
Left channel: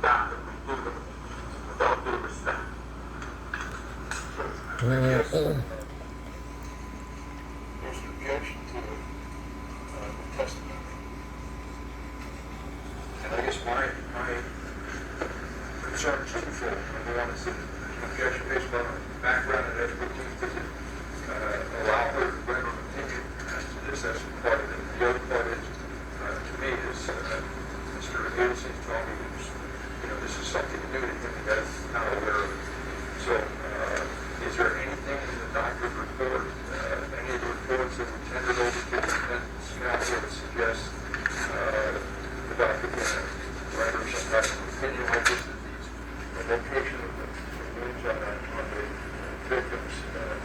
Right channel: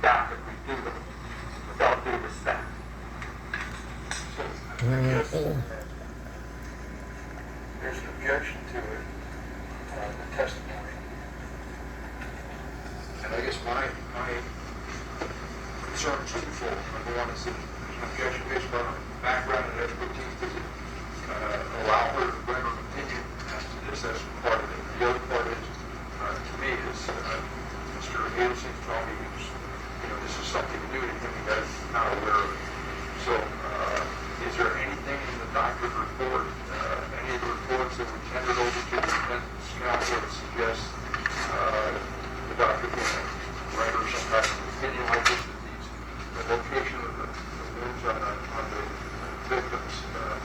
Dr. McDougall, with all due respect. there's an objection to it, the testimony. And I guess my concern is twofold. Number one is that there's an objection based on her background and expertise. Does it allow her to render an opinion as to this? That's part of it. The other part is, to me, is Mr. Hazelstein told me this is something new to him that he's not aware of it. So, is there anything in the doctor's report, any of the reports that were tendered over to the defense counsel that suggest the doctor can render some type of opinion like this, that the location of the wounds on the victim's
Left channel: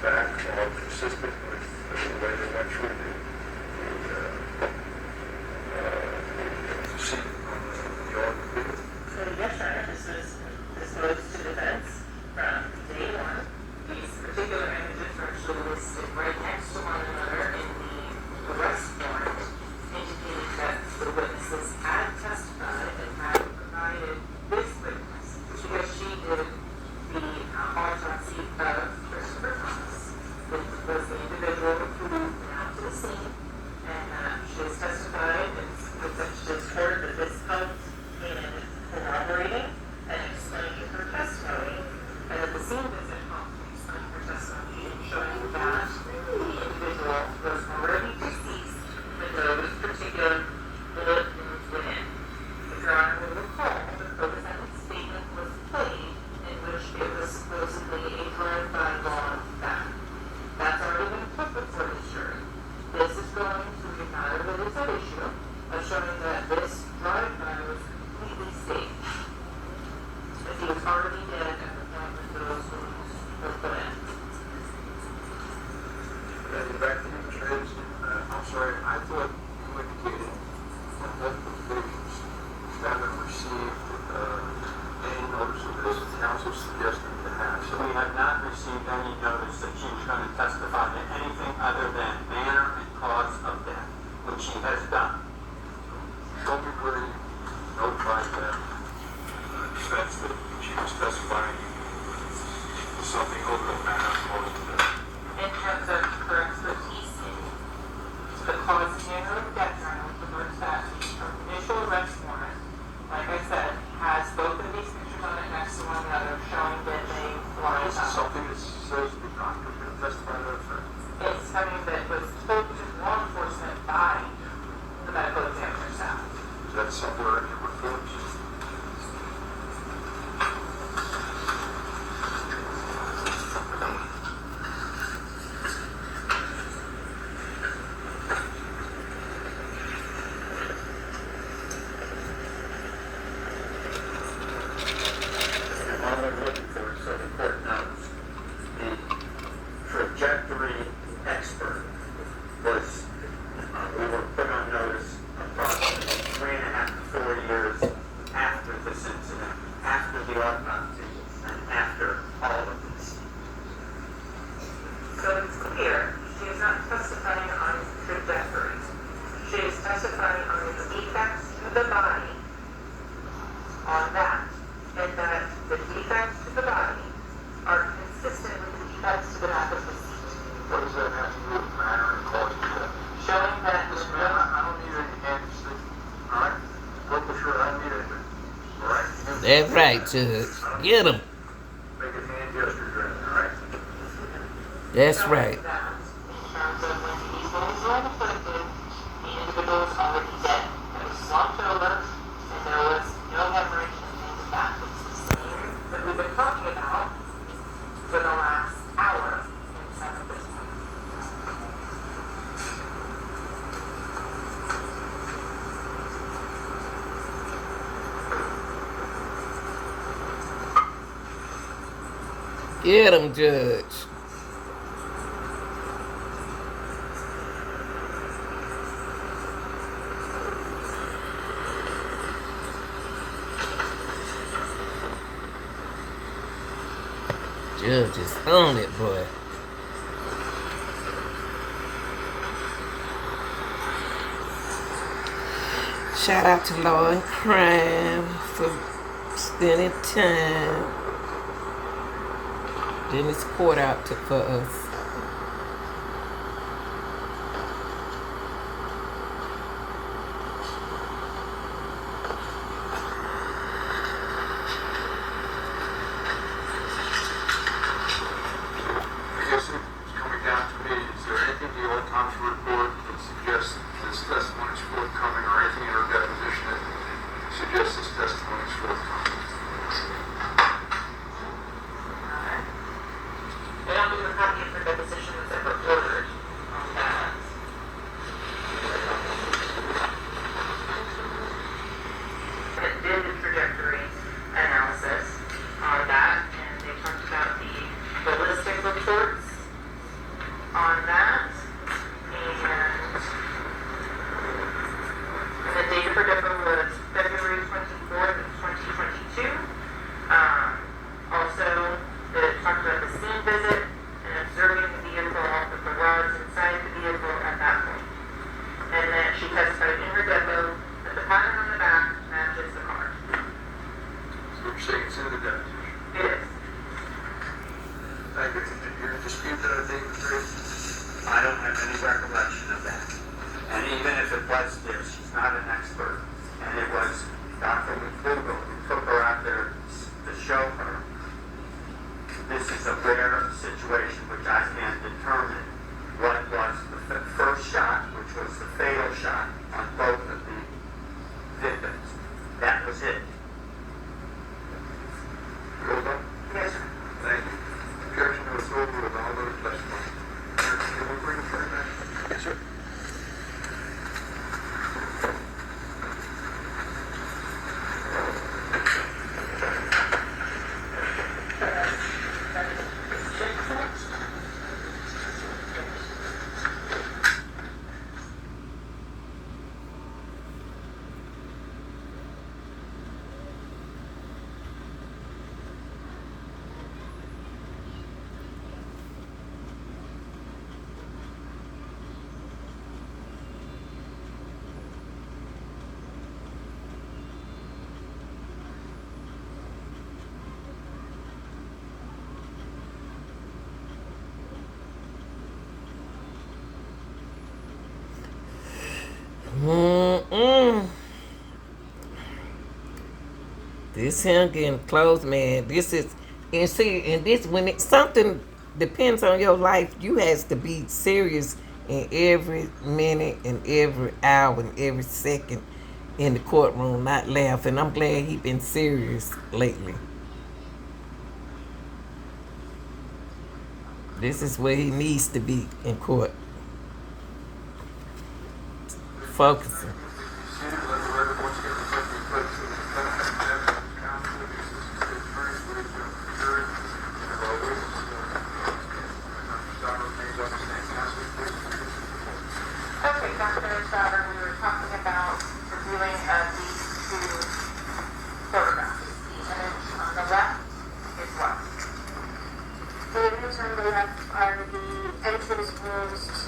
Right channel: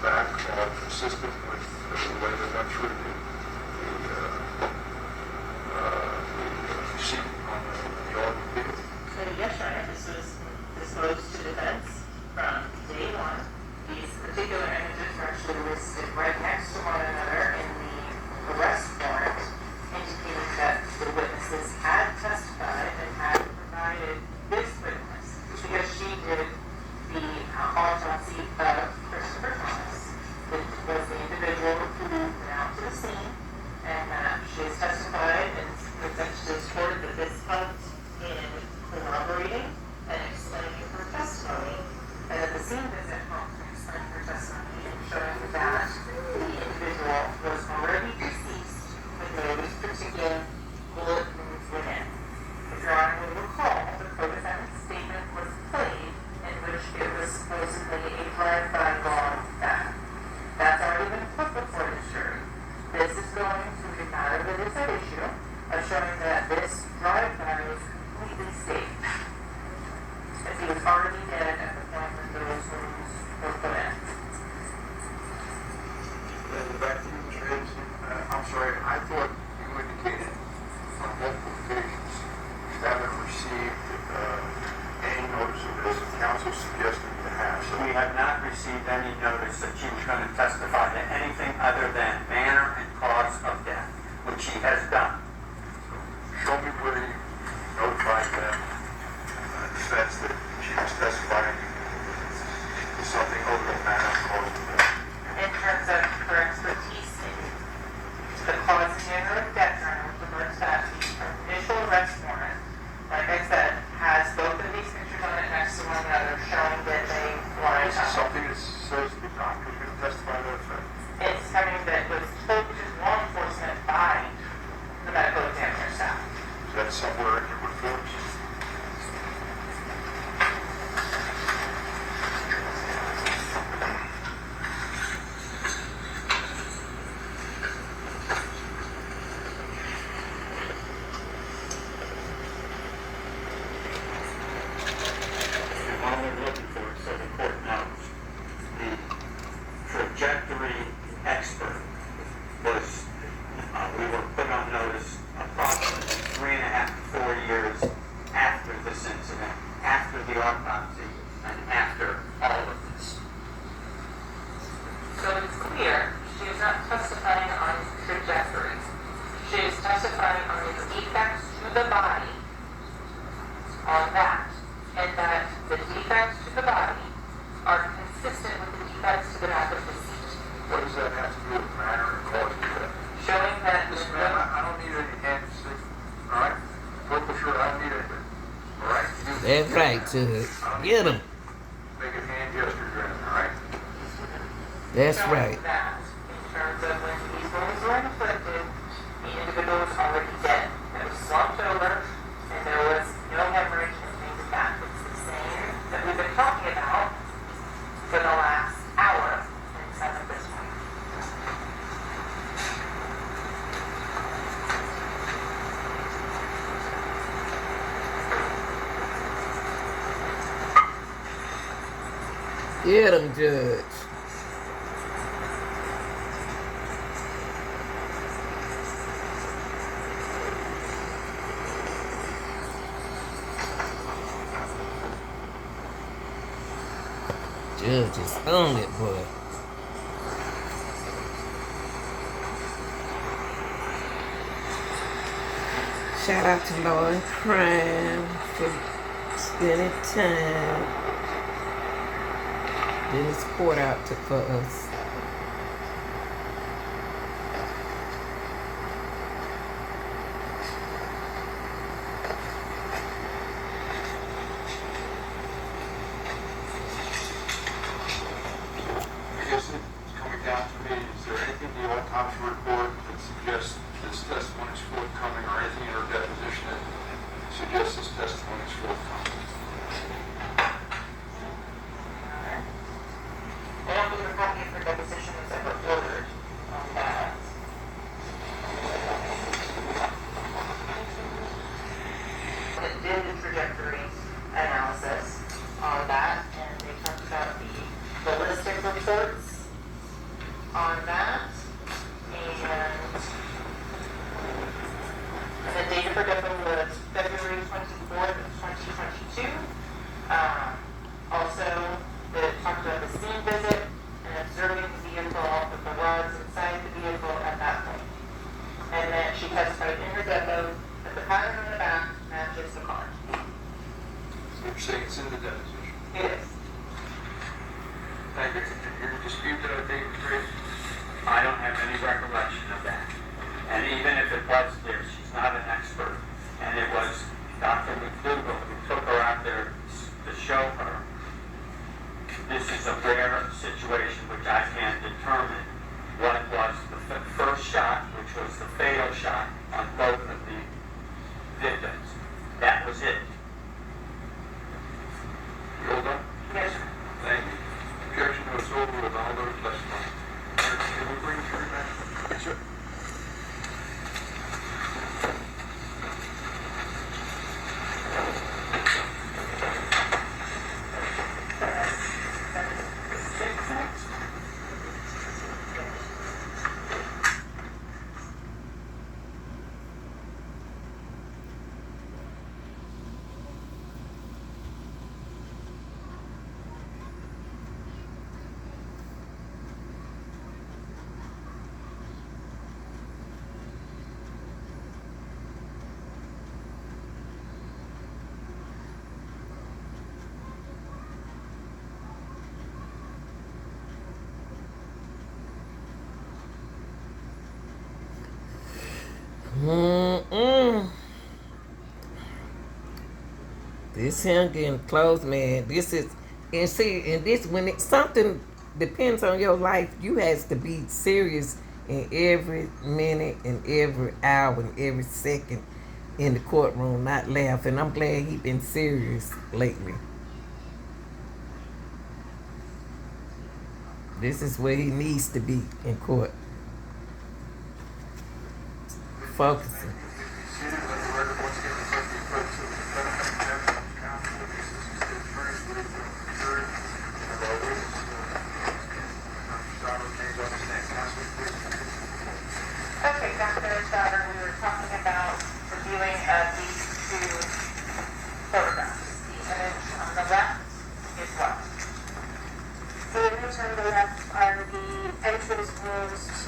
back are consistent with the way they went through the scene on the automobile? So yes, Your Honor, this was disclosed to defense from day one. These particular images are actually listed right next to one another in the arrest warrant, indicating that the witnesses had testified and had provided this witness because she did the autopsy of Christopher Thomas, which was the individual who went out to the scene, and she has testified and it's actually scored that this helped in corroborating and explaining her testimony, and at the scene visit helped to explain her testimony and showing that the individual was already deceased with those particular bullet wounds within. If Your Honor will recall, the co-defendant's statement was played in which it was supposedly a drive-by gone back. That's already been put before the jury. This is going to the matter that is at issue of showing that this drive-by was completely safe, as he was already dead at the point when those wounds were put in. Back to you, Mr. Hazelstein. I'm sorry, I thought you indicated on multiple occasions you haven't received any notice of this. Counsel suggesting you have. So We have not received any notice that she was going to testify to anything other than manner and cause of death, which she has done. show me where you notified them defense that she was testifying to something other than manner and cause of death. In terms of her expertise in the cause and manner of death, Your Honor, with regards to that, the initial arrest warrant, like I said, has both of these pictures on it next to one another, showing that they lined This is up. something that says the doctor's going to testify to that effect. It's something that was told to law enforcement by the medical examiner staff. Is that somewhere in your reports? I'm only looking for it so the court knows. The trajectory expert was, we were put on notice approximately 3.5 to 4 years after this incident, after the autopsy, and after all of this. So it's clear she is not testifying on trajectories. She is testifying on the defects to the body, on that, and that the defects to the body are consistent with the defects to the back of the seat. What does that have to do with matter and cause of death? Showing that Listen, man, I don't need any hands, all right? Local shirt, I don't need anything, all right? That's right, Judge. Get him. Make a hand gesture, all right? That's showing right. that in terms of when these wounds were inflicted, the individual was already dead. It was slumped over, and there was no hemorrhage and things like that. It's the same that we've been talking about for the last hour in some of this one. Get him, Judge. Judge is on it, boy. Shout out to Law and Crime for spending time getting this court out for us. I guess it's coming down to me, is there anything in the autopsy report that suggests this testimony is forthcoming, or anything in her deposition that suggests this testimony is forthcoming? We don't believe a copy of her deposition was ever ordered on that. It did the trajectory analysis on that, and they talked about the ballistic reports on that, and the date of her depot was February 24th of 2022. Also, they talked about the scene visit and observing the vehicle with the rods inside the vehicle at that point. And then she testified in her depot that the pattern on the back matches the car. So you're saying it's in the deposition? It is. And you're going to dispute that, David Grace? I don't have any recollection of that. And even if it was there, she's not an expert. And it was Dr. McDougall who took her out there to show her. This is a rare situation which I can't determine what was the first shot, which was the fatal shot on both of the victims. That was it. Hold up. Yes. Thank you. Objection is overruled. I'll let it testify. Can we bring it back? Yes, sir. This him getting close, man. This is, and see, and this when something depends on your life, you has to be serious in every minute and every hour and every second in the courtroom, not laugh. And I'm glad he been serious lately. This is where he needs to be in court. Focusing. Let the record once again reflect the presence of the defendant, counsel, assistant state attorney,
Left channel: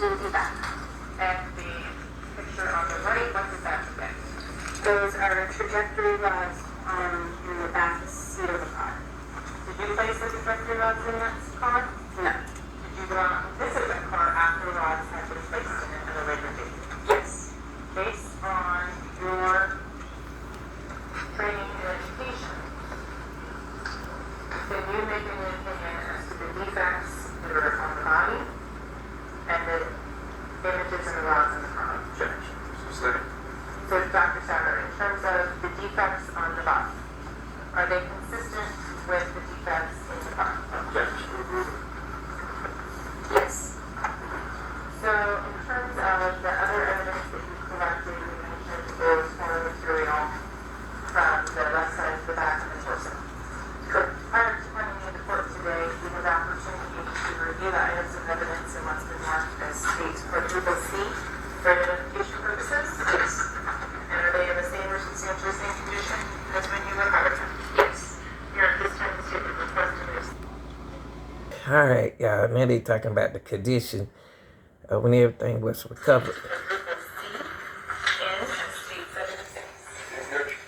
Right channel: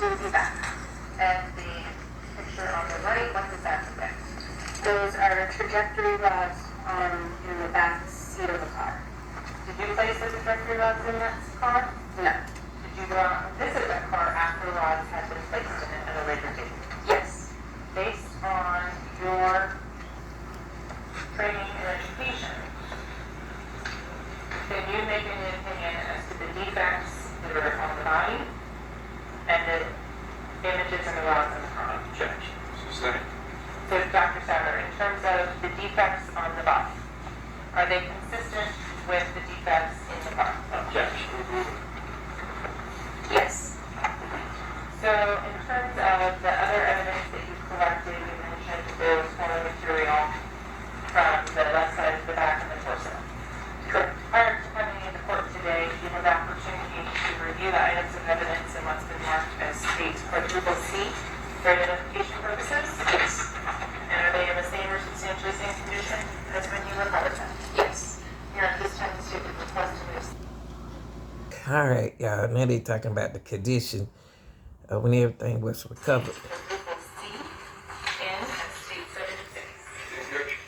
to the back. And the picture on the right, what does that depict? Those are trajectory rods in the back seat of the car. Did you place the trajectory rods in that car? No. Did you go out and visit that car after the rods had been placed in it at a later date? Yes. Based on your training and education, can you make an opinion as to the defects that are on the body and the images and the rods in the car? Objection. Sustained. So, Dr. Sauer, in terms of the defects on the body, are they consistent with the defects in the car? Objection. Yes. So, in terms of the other evidence that you collected, you mentioned there was more material from the left side of the back and the torso. Correct. Prior to coming into court today, you had the opportunity to review the items of evidence and what's been marked as states quadruple C for identification purposes? Yes. And are they in the same or substantially same condition as when you recovered them? Yes. Here at this time, Mr. Request. All right, y'all. Now they talking about the condition when everything was recovered. Quadruple C in and state 76. Objection.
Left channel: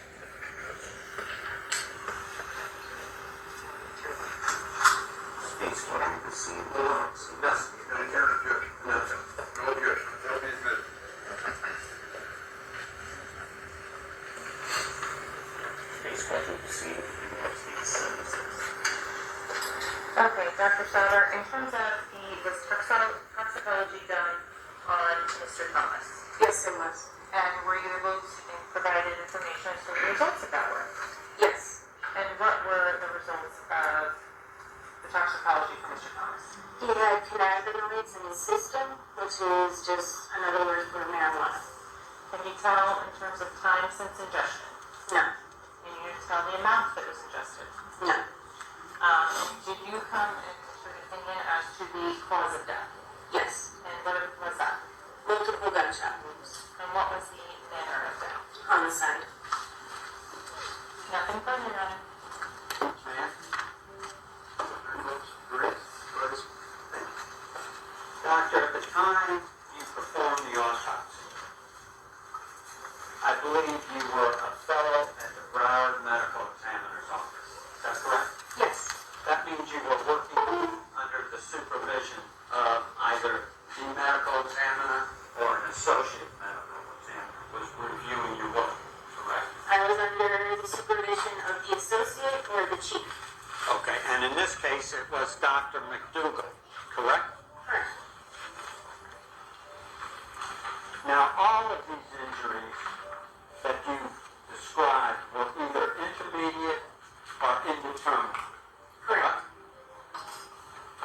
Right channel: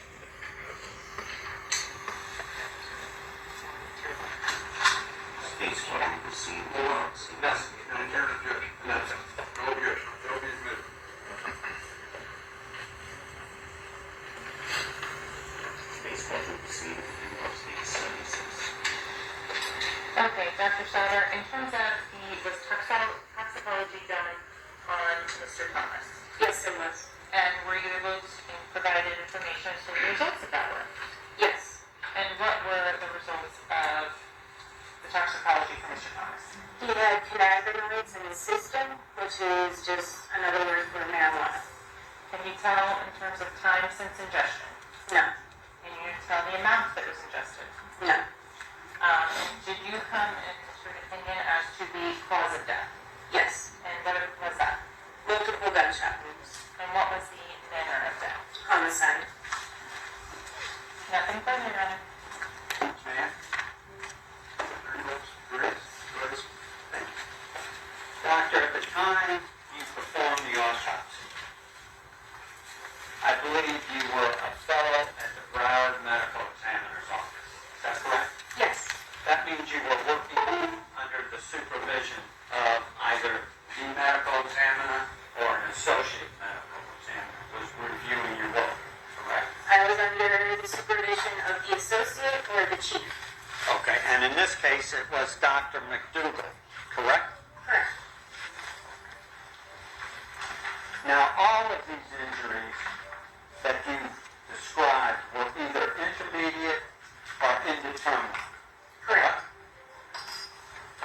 States quadruple C. Yes. No objection. No objection. No objection. They'll be admitted. States quadruple C. Okay, Dr. Sauer, in terms of was toxicology done on Mr. Thomas? Yes, it was. And were you able to provide information as to the results of that work? Yes. And what were the results of the toxicology for Mr. Thomas? He had cannabinoids in his system, which is just another word for marijuana. Can you tell in terms of time since ingestion? No. Can you tell the amount that was ingested? No. Did you come and issue an opinion as to the cause of death? Yes. And what was that? Multiple gunshot wounds. And what was the manner of death? Homicide. Nothing further, Madam. Doctor, at the time you performed the autopsy, I believe you were a fellow at the Broward Medical Examiner's office. Is that correct? Yes. That means you were working under the supervision of either the medical examiner or an associate medical examiner who was reviewing your work, correct? I was under the supervision of the associate or the chief. Okay, and in this case it was Dr. McDougall, correct? Correct. Now, all of these injuries that you described were either intermediate or indeterminate. Correct.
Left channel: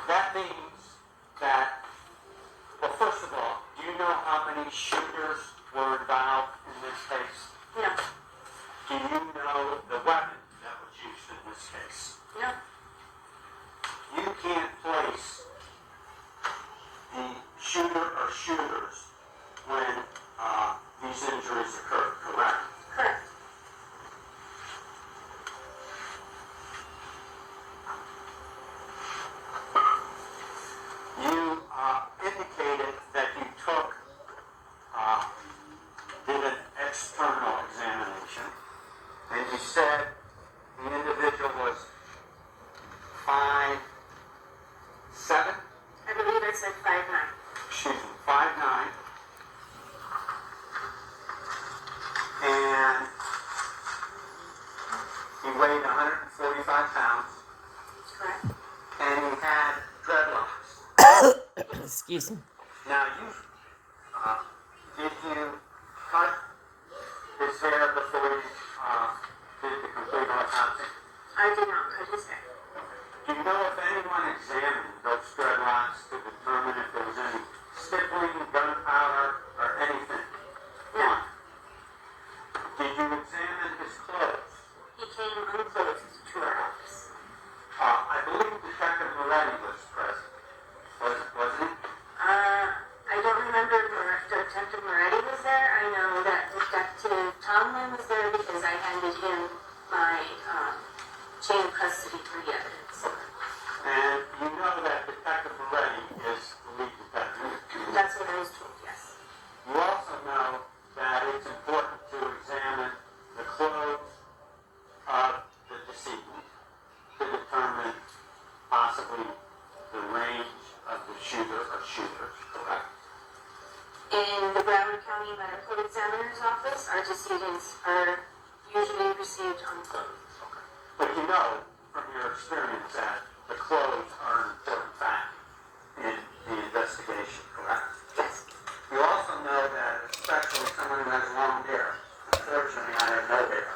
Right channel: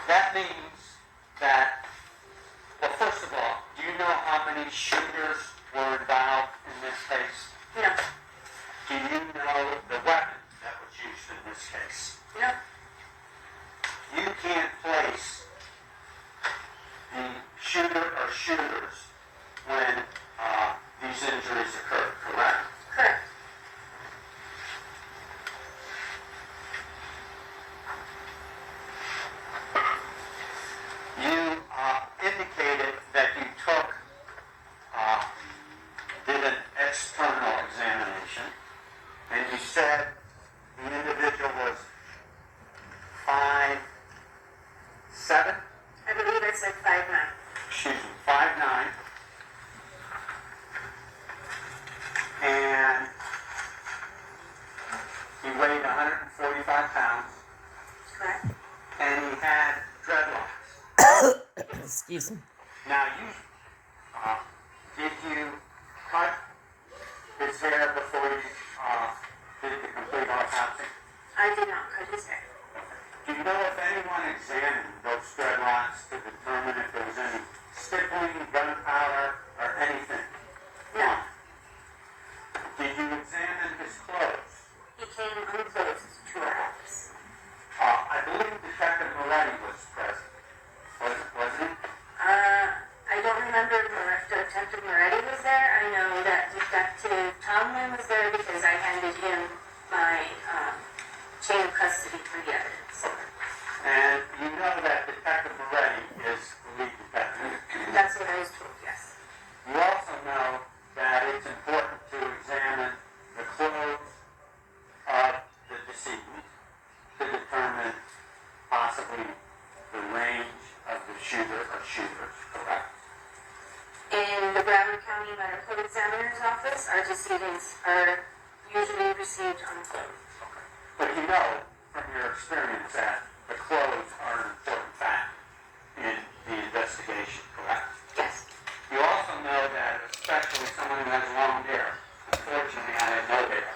That means that, well, first of all, do you know how many shooters were involved in this case? No. Do you know the weapon that was used in this case? No. You can't place the shooter or shooters when these injuries occurred, correct? Correct. You indicated that you did an external examination, and you said the individual was 5'7", I believe I said 5'9". excuse me, 5'9", and he weighed 145 pounds, Correct. and he had dreadlocks. Excuse me. Now, did you cut his hair before you did the complete autopsy? I did not cut his hair. Do you know if anyone examined those dreadlocks to determine if there was any stippling, gunpowder, or anything? No. Did you examine his clothes? He came unclothed to our office. I believe Detective Melly was present. Wasn't he? I don't remember if Detective Moretti was there. I know that Detective Tomlin was there because I handed him my chain of custody for the evidence. And you know that Detective Moretti is the lead detective. That's what our decedents are usually received unclothed. But you know from your experience that the clothes are an important factor in the investigation, correct? Yes. You also know that, especially someone who has long hair, unfortunately I have no hair,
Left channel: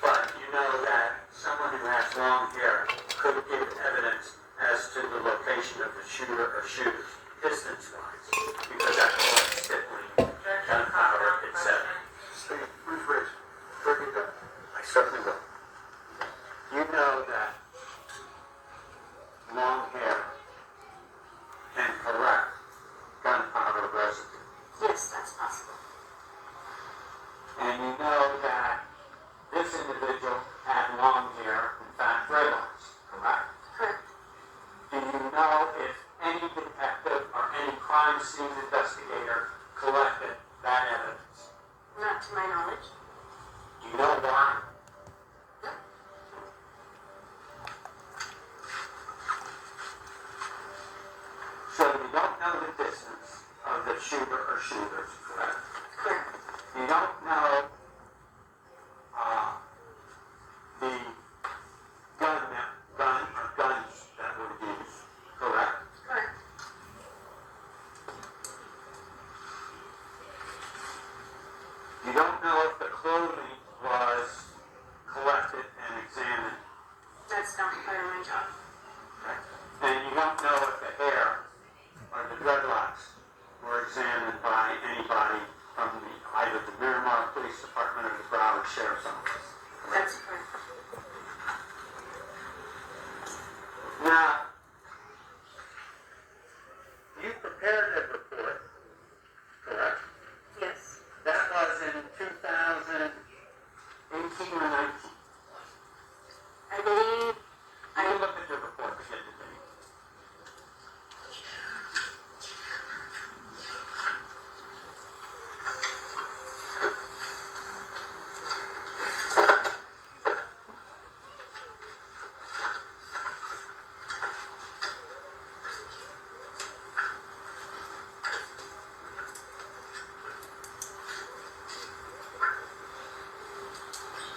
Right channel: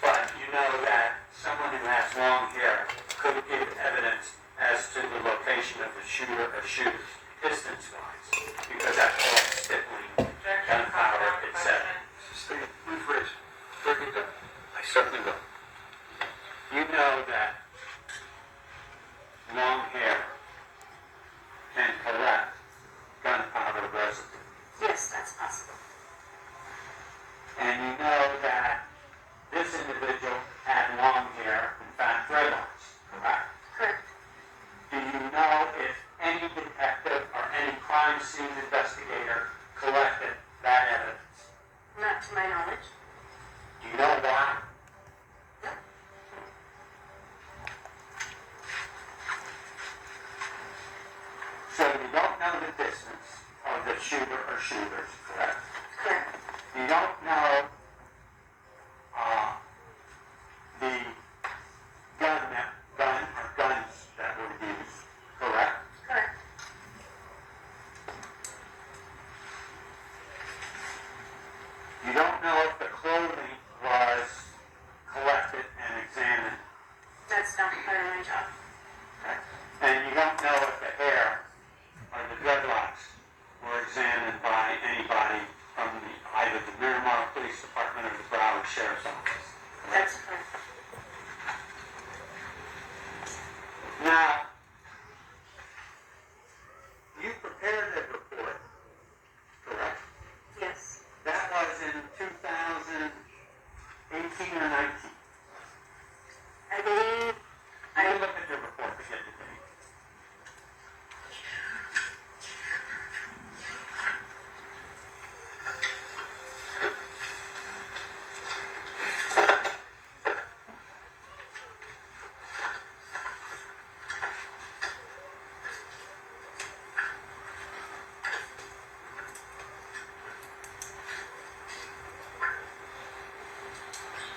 but you know that someone who has long hair could give evidence as to the location of the shooter or shooters, distance-wise, because that collects stippling, gunpowder, etc. Steve, please raise. Certainly do. I certainly will. You know that long hair can collect gunpowder residue. Yes, that's possible. And you know that this individual had long hair, in fact, dreadlocks, correct? Correct. Do you know if any detective or any crime scene investigator collected that evidence? Not to my knowledge. Do you know why? No. So you don't know the distance of the shooter or shooters, correct? Correct. You don't know the gun or guns that were used, correct? Correct. You don't know if the clothing was collected and examined, That's not part of my job. okay? And you don't know if the hair or the dreadlocks were examined by anybody from either the Miramar Police Department or the Broward Sheriff's Office. That's correct. Now, you prepared a report, correct? Yes. That was in 2018 or 19. I believe I look at your report to get the date.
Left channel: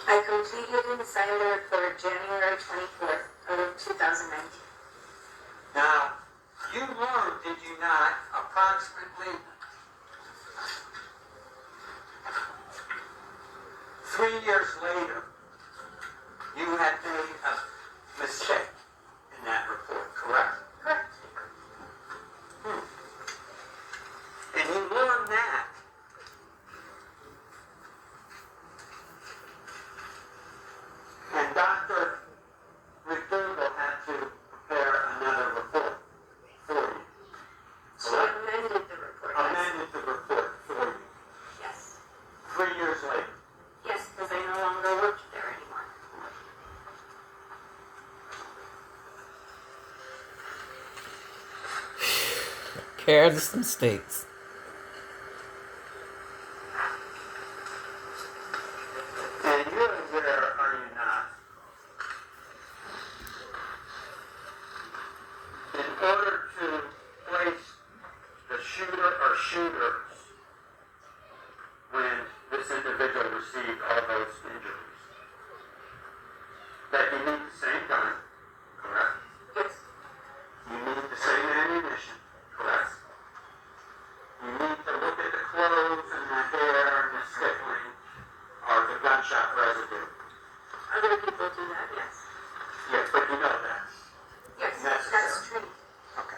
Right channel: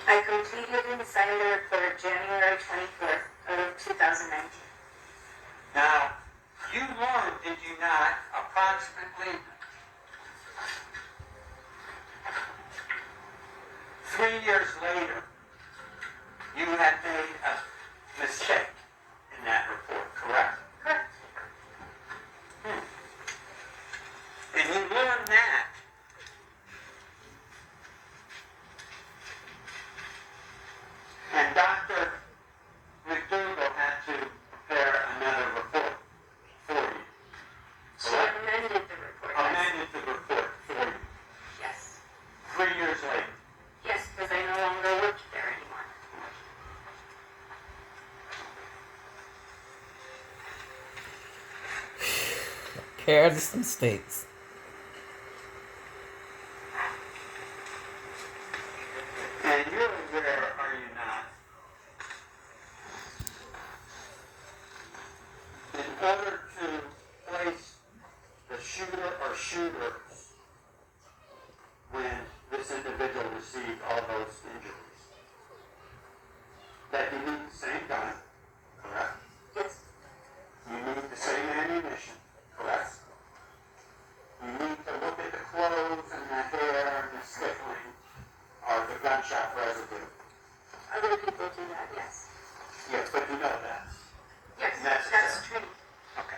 I completed and signed the report January 24th of 2019. Now, you learned, did you not, approximately 3 years later, you had made a mistake in that report, correct? Correct. And you learned that and Dr. McDougall had to prepare another report for you. She Correct? amended the report. Yes. Amended the report for you Yes. 3 years later. Yes, because I no longer work there anymore. Careless mistakes. And you're aware, are you not, in order to place the shooter or shooters when this individual received all those injuries, that you need the same gun, correct? Yes. You need the same ammunition, correct? You need to look at the clothes and the hair and the stippling or the gunshot residue. Other people do that, yes. Yes, but you know that. Yes, Necessary. that's true. Okay.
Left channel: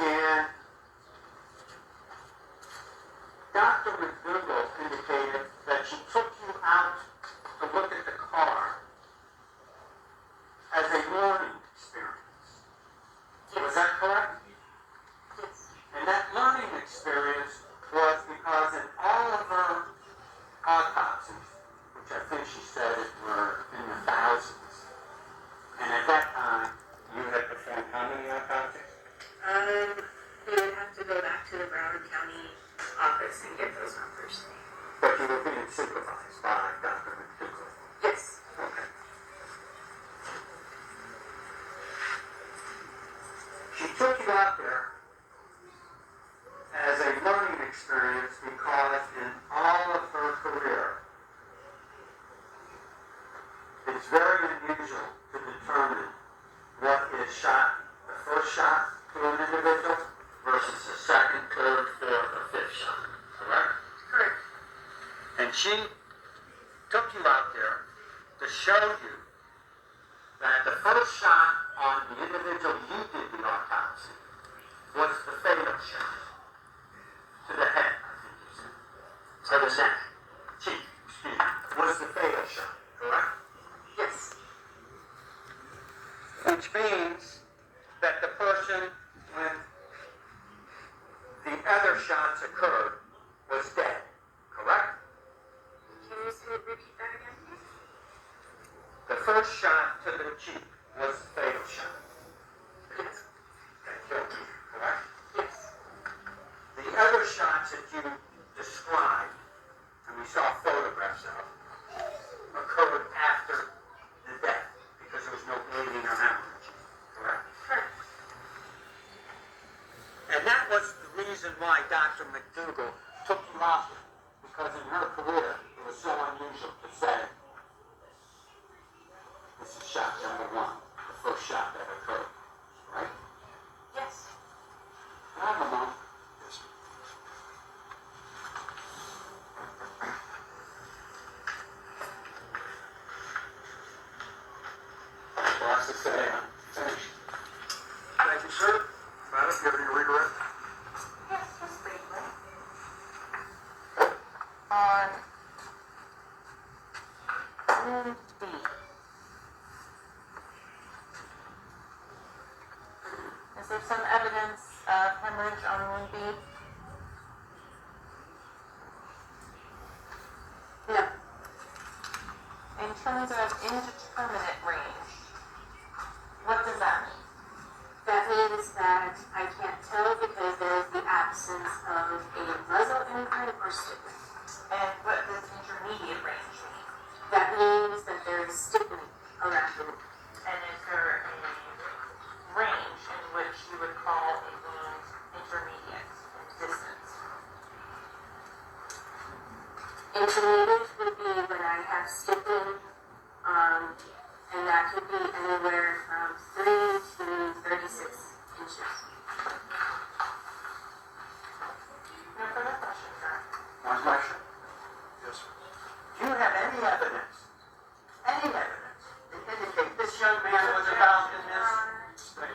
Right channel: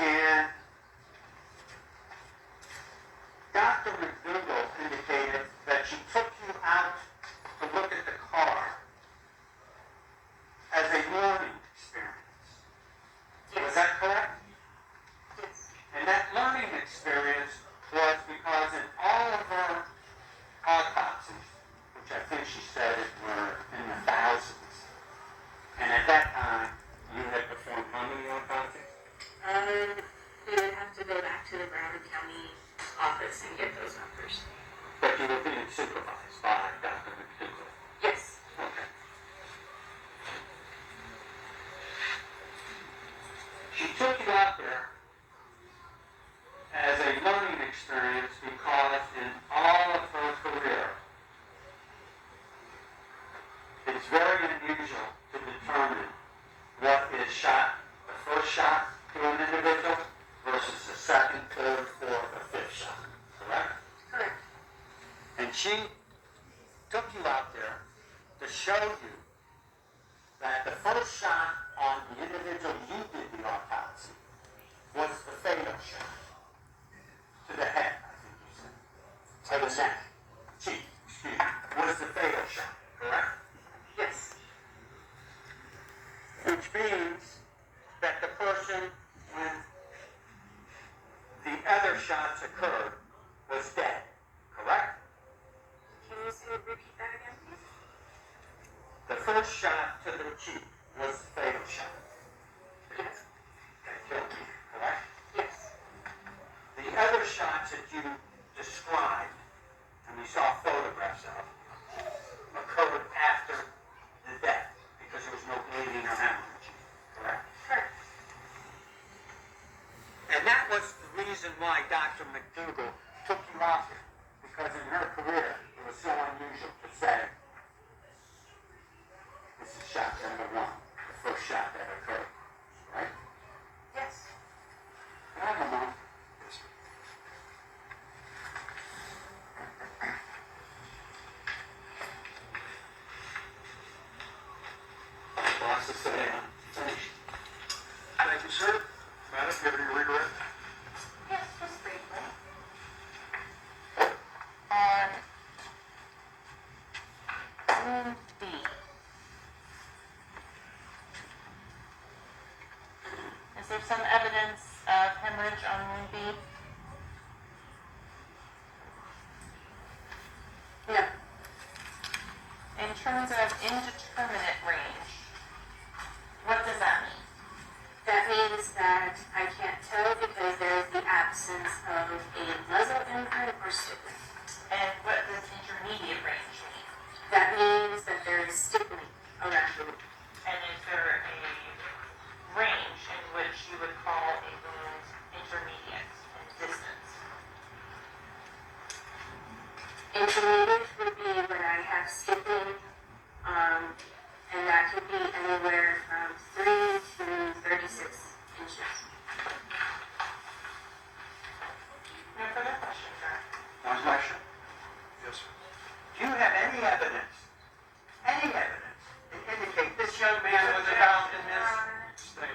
And Dr. McDougall indicated that she took you out to look at the car as a learning experience. Yes. Was that correct? Yes. And that learning experience was because in all of her autopsies, which I think she said were in the thousands, and at that time, you had performed how many autopsies? We would have to go back to the Brown County office and get those numbers. But you were being supervised by Dr. McDougall. Yes. Okay. She took you out there as a learning experience because in all of her career, it's very unusual to determine what is shot, the first shot to an individual versus the second, third, fourth, or fifth shot. Correct? Correct. And she took you out there to show you that the first shot on the individual you did the autopsy was the fatal shot to the head, I think you said, to the neck, cheek, excuse me, was the fatal shot, correct? Yes. Which means that the person, when the other shots occurred, was dead, correct? Can you repeat that again, please? The first shot to the cheek was the fatal shot. Yes. That killed you, correct? Yes. The other shots that you described, and we saw photographs of, occurred after the death because there was no bleeding or hemorrhage, correct? Correct. And that was the reason why Dr. McDougall took you out here, because in her career it was so unusual to say, this is shot number one, the first shot that occurred, right? Yes. I don't know. Lots to say, I'm finished. Thank you, sir. Madam, do you have any redirect? Yes, just briefly. On wound B. Is there some evidence of hemorrhage on wound B? No. In terms of indeterminate range, what does that mean? That means that I can't tell because there is the absence of a muzzle implant or stippling. And what does intermediate range mean? That means that there is stippling around the wound. And is there a range in which you would call a wound intermediate in distance? Intermediate would be when I have stippling, and that could be anywhere from 3 to 36 inches. No further questions, sir. One question. Yes, sir. Do you have any evidence to indicate this young man was involved in this? Stay.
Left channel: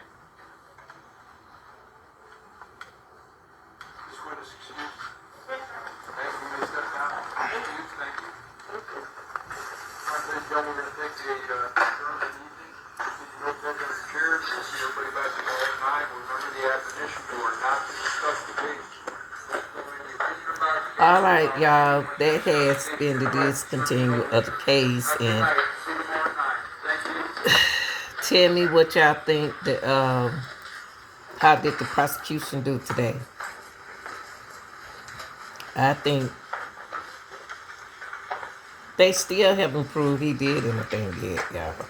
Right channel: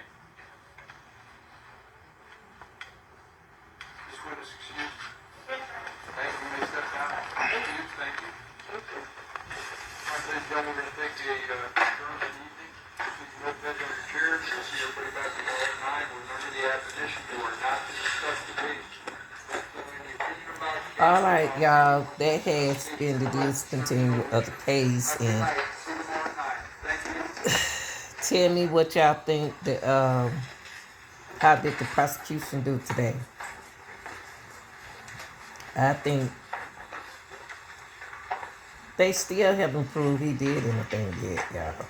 This witness excused. Thank you, you may step down. Thank you, thank you. All right, ladies and gentlemen, we're going to take a adjourn of the evening. Just need to note that on the chairs. We'll see everybody back tomorrow at 9. Remember the admonition, you are not to discuss the case. All right, y'all. That has been the discontinue of the case, and See you tomorrow night. Thank you. tell me what y'all think. How did the prosecution do today? I think they still haven't proved he did anything yet, y'all.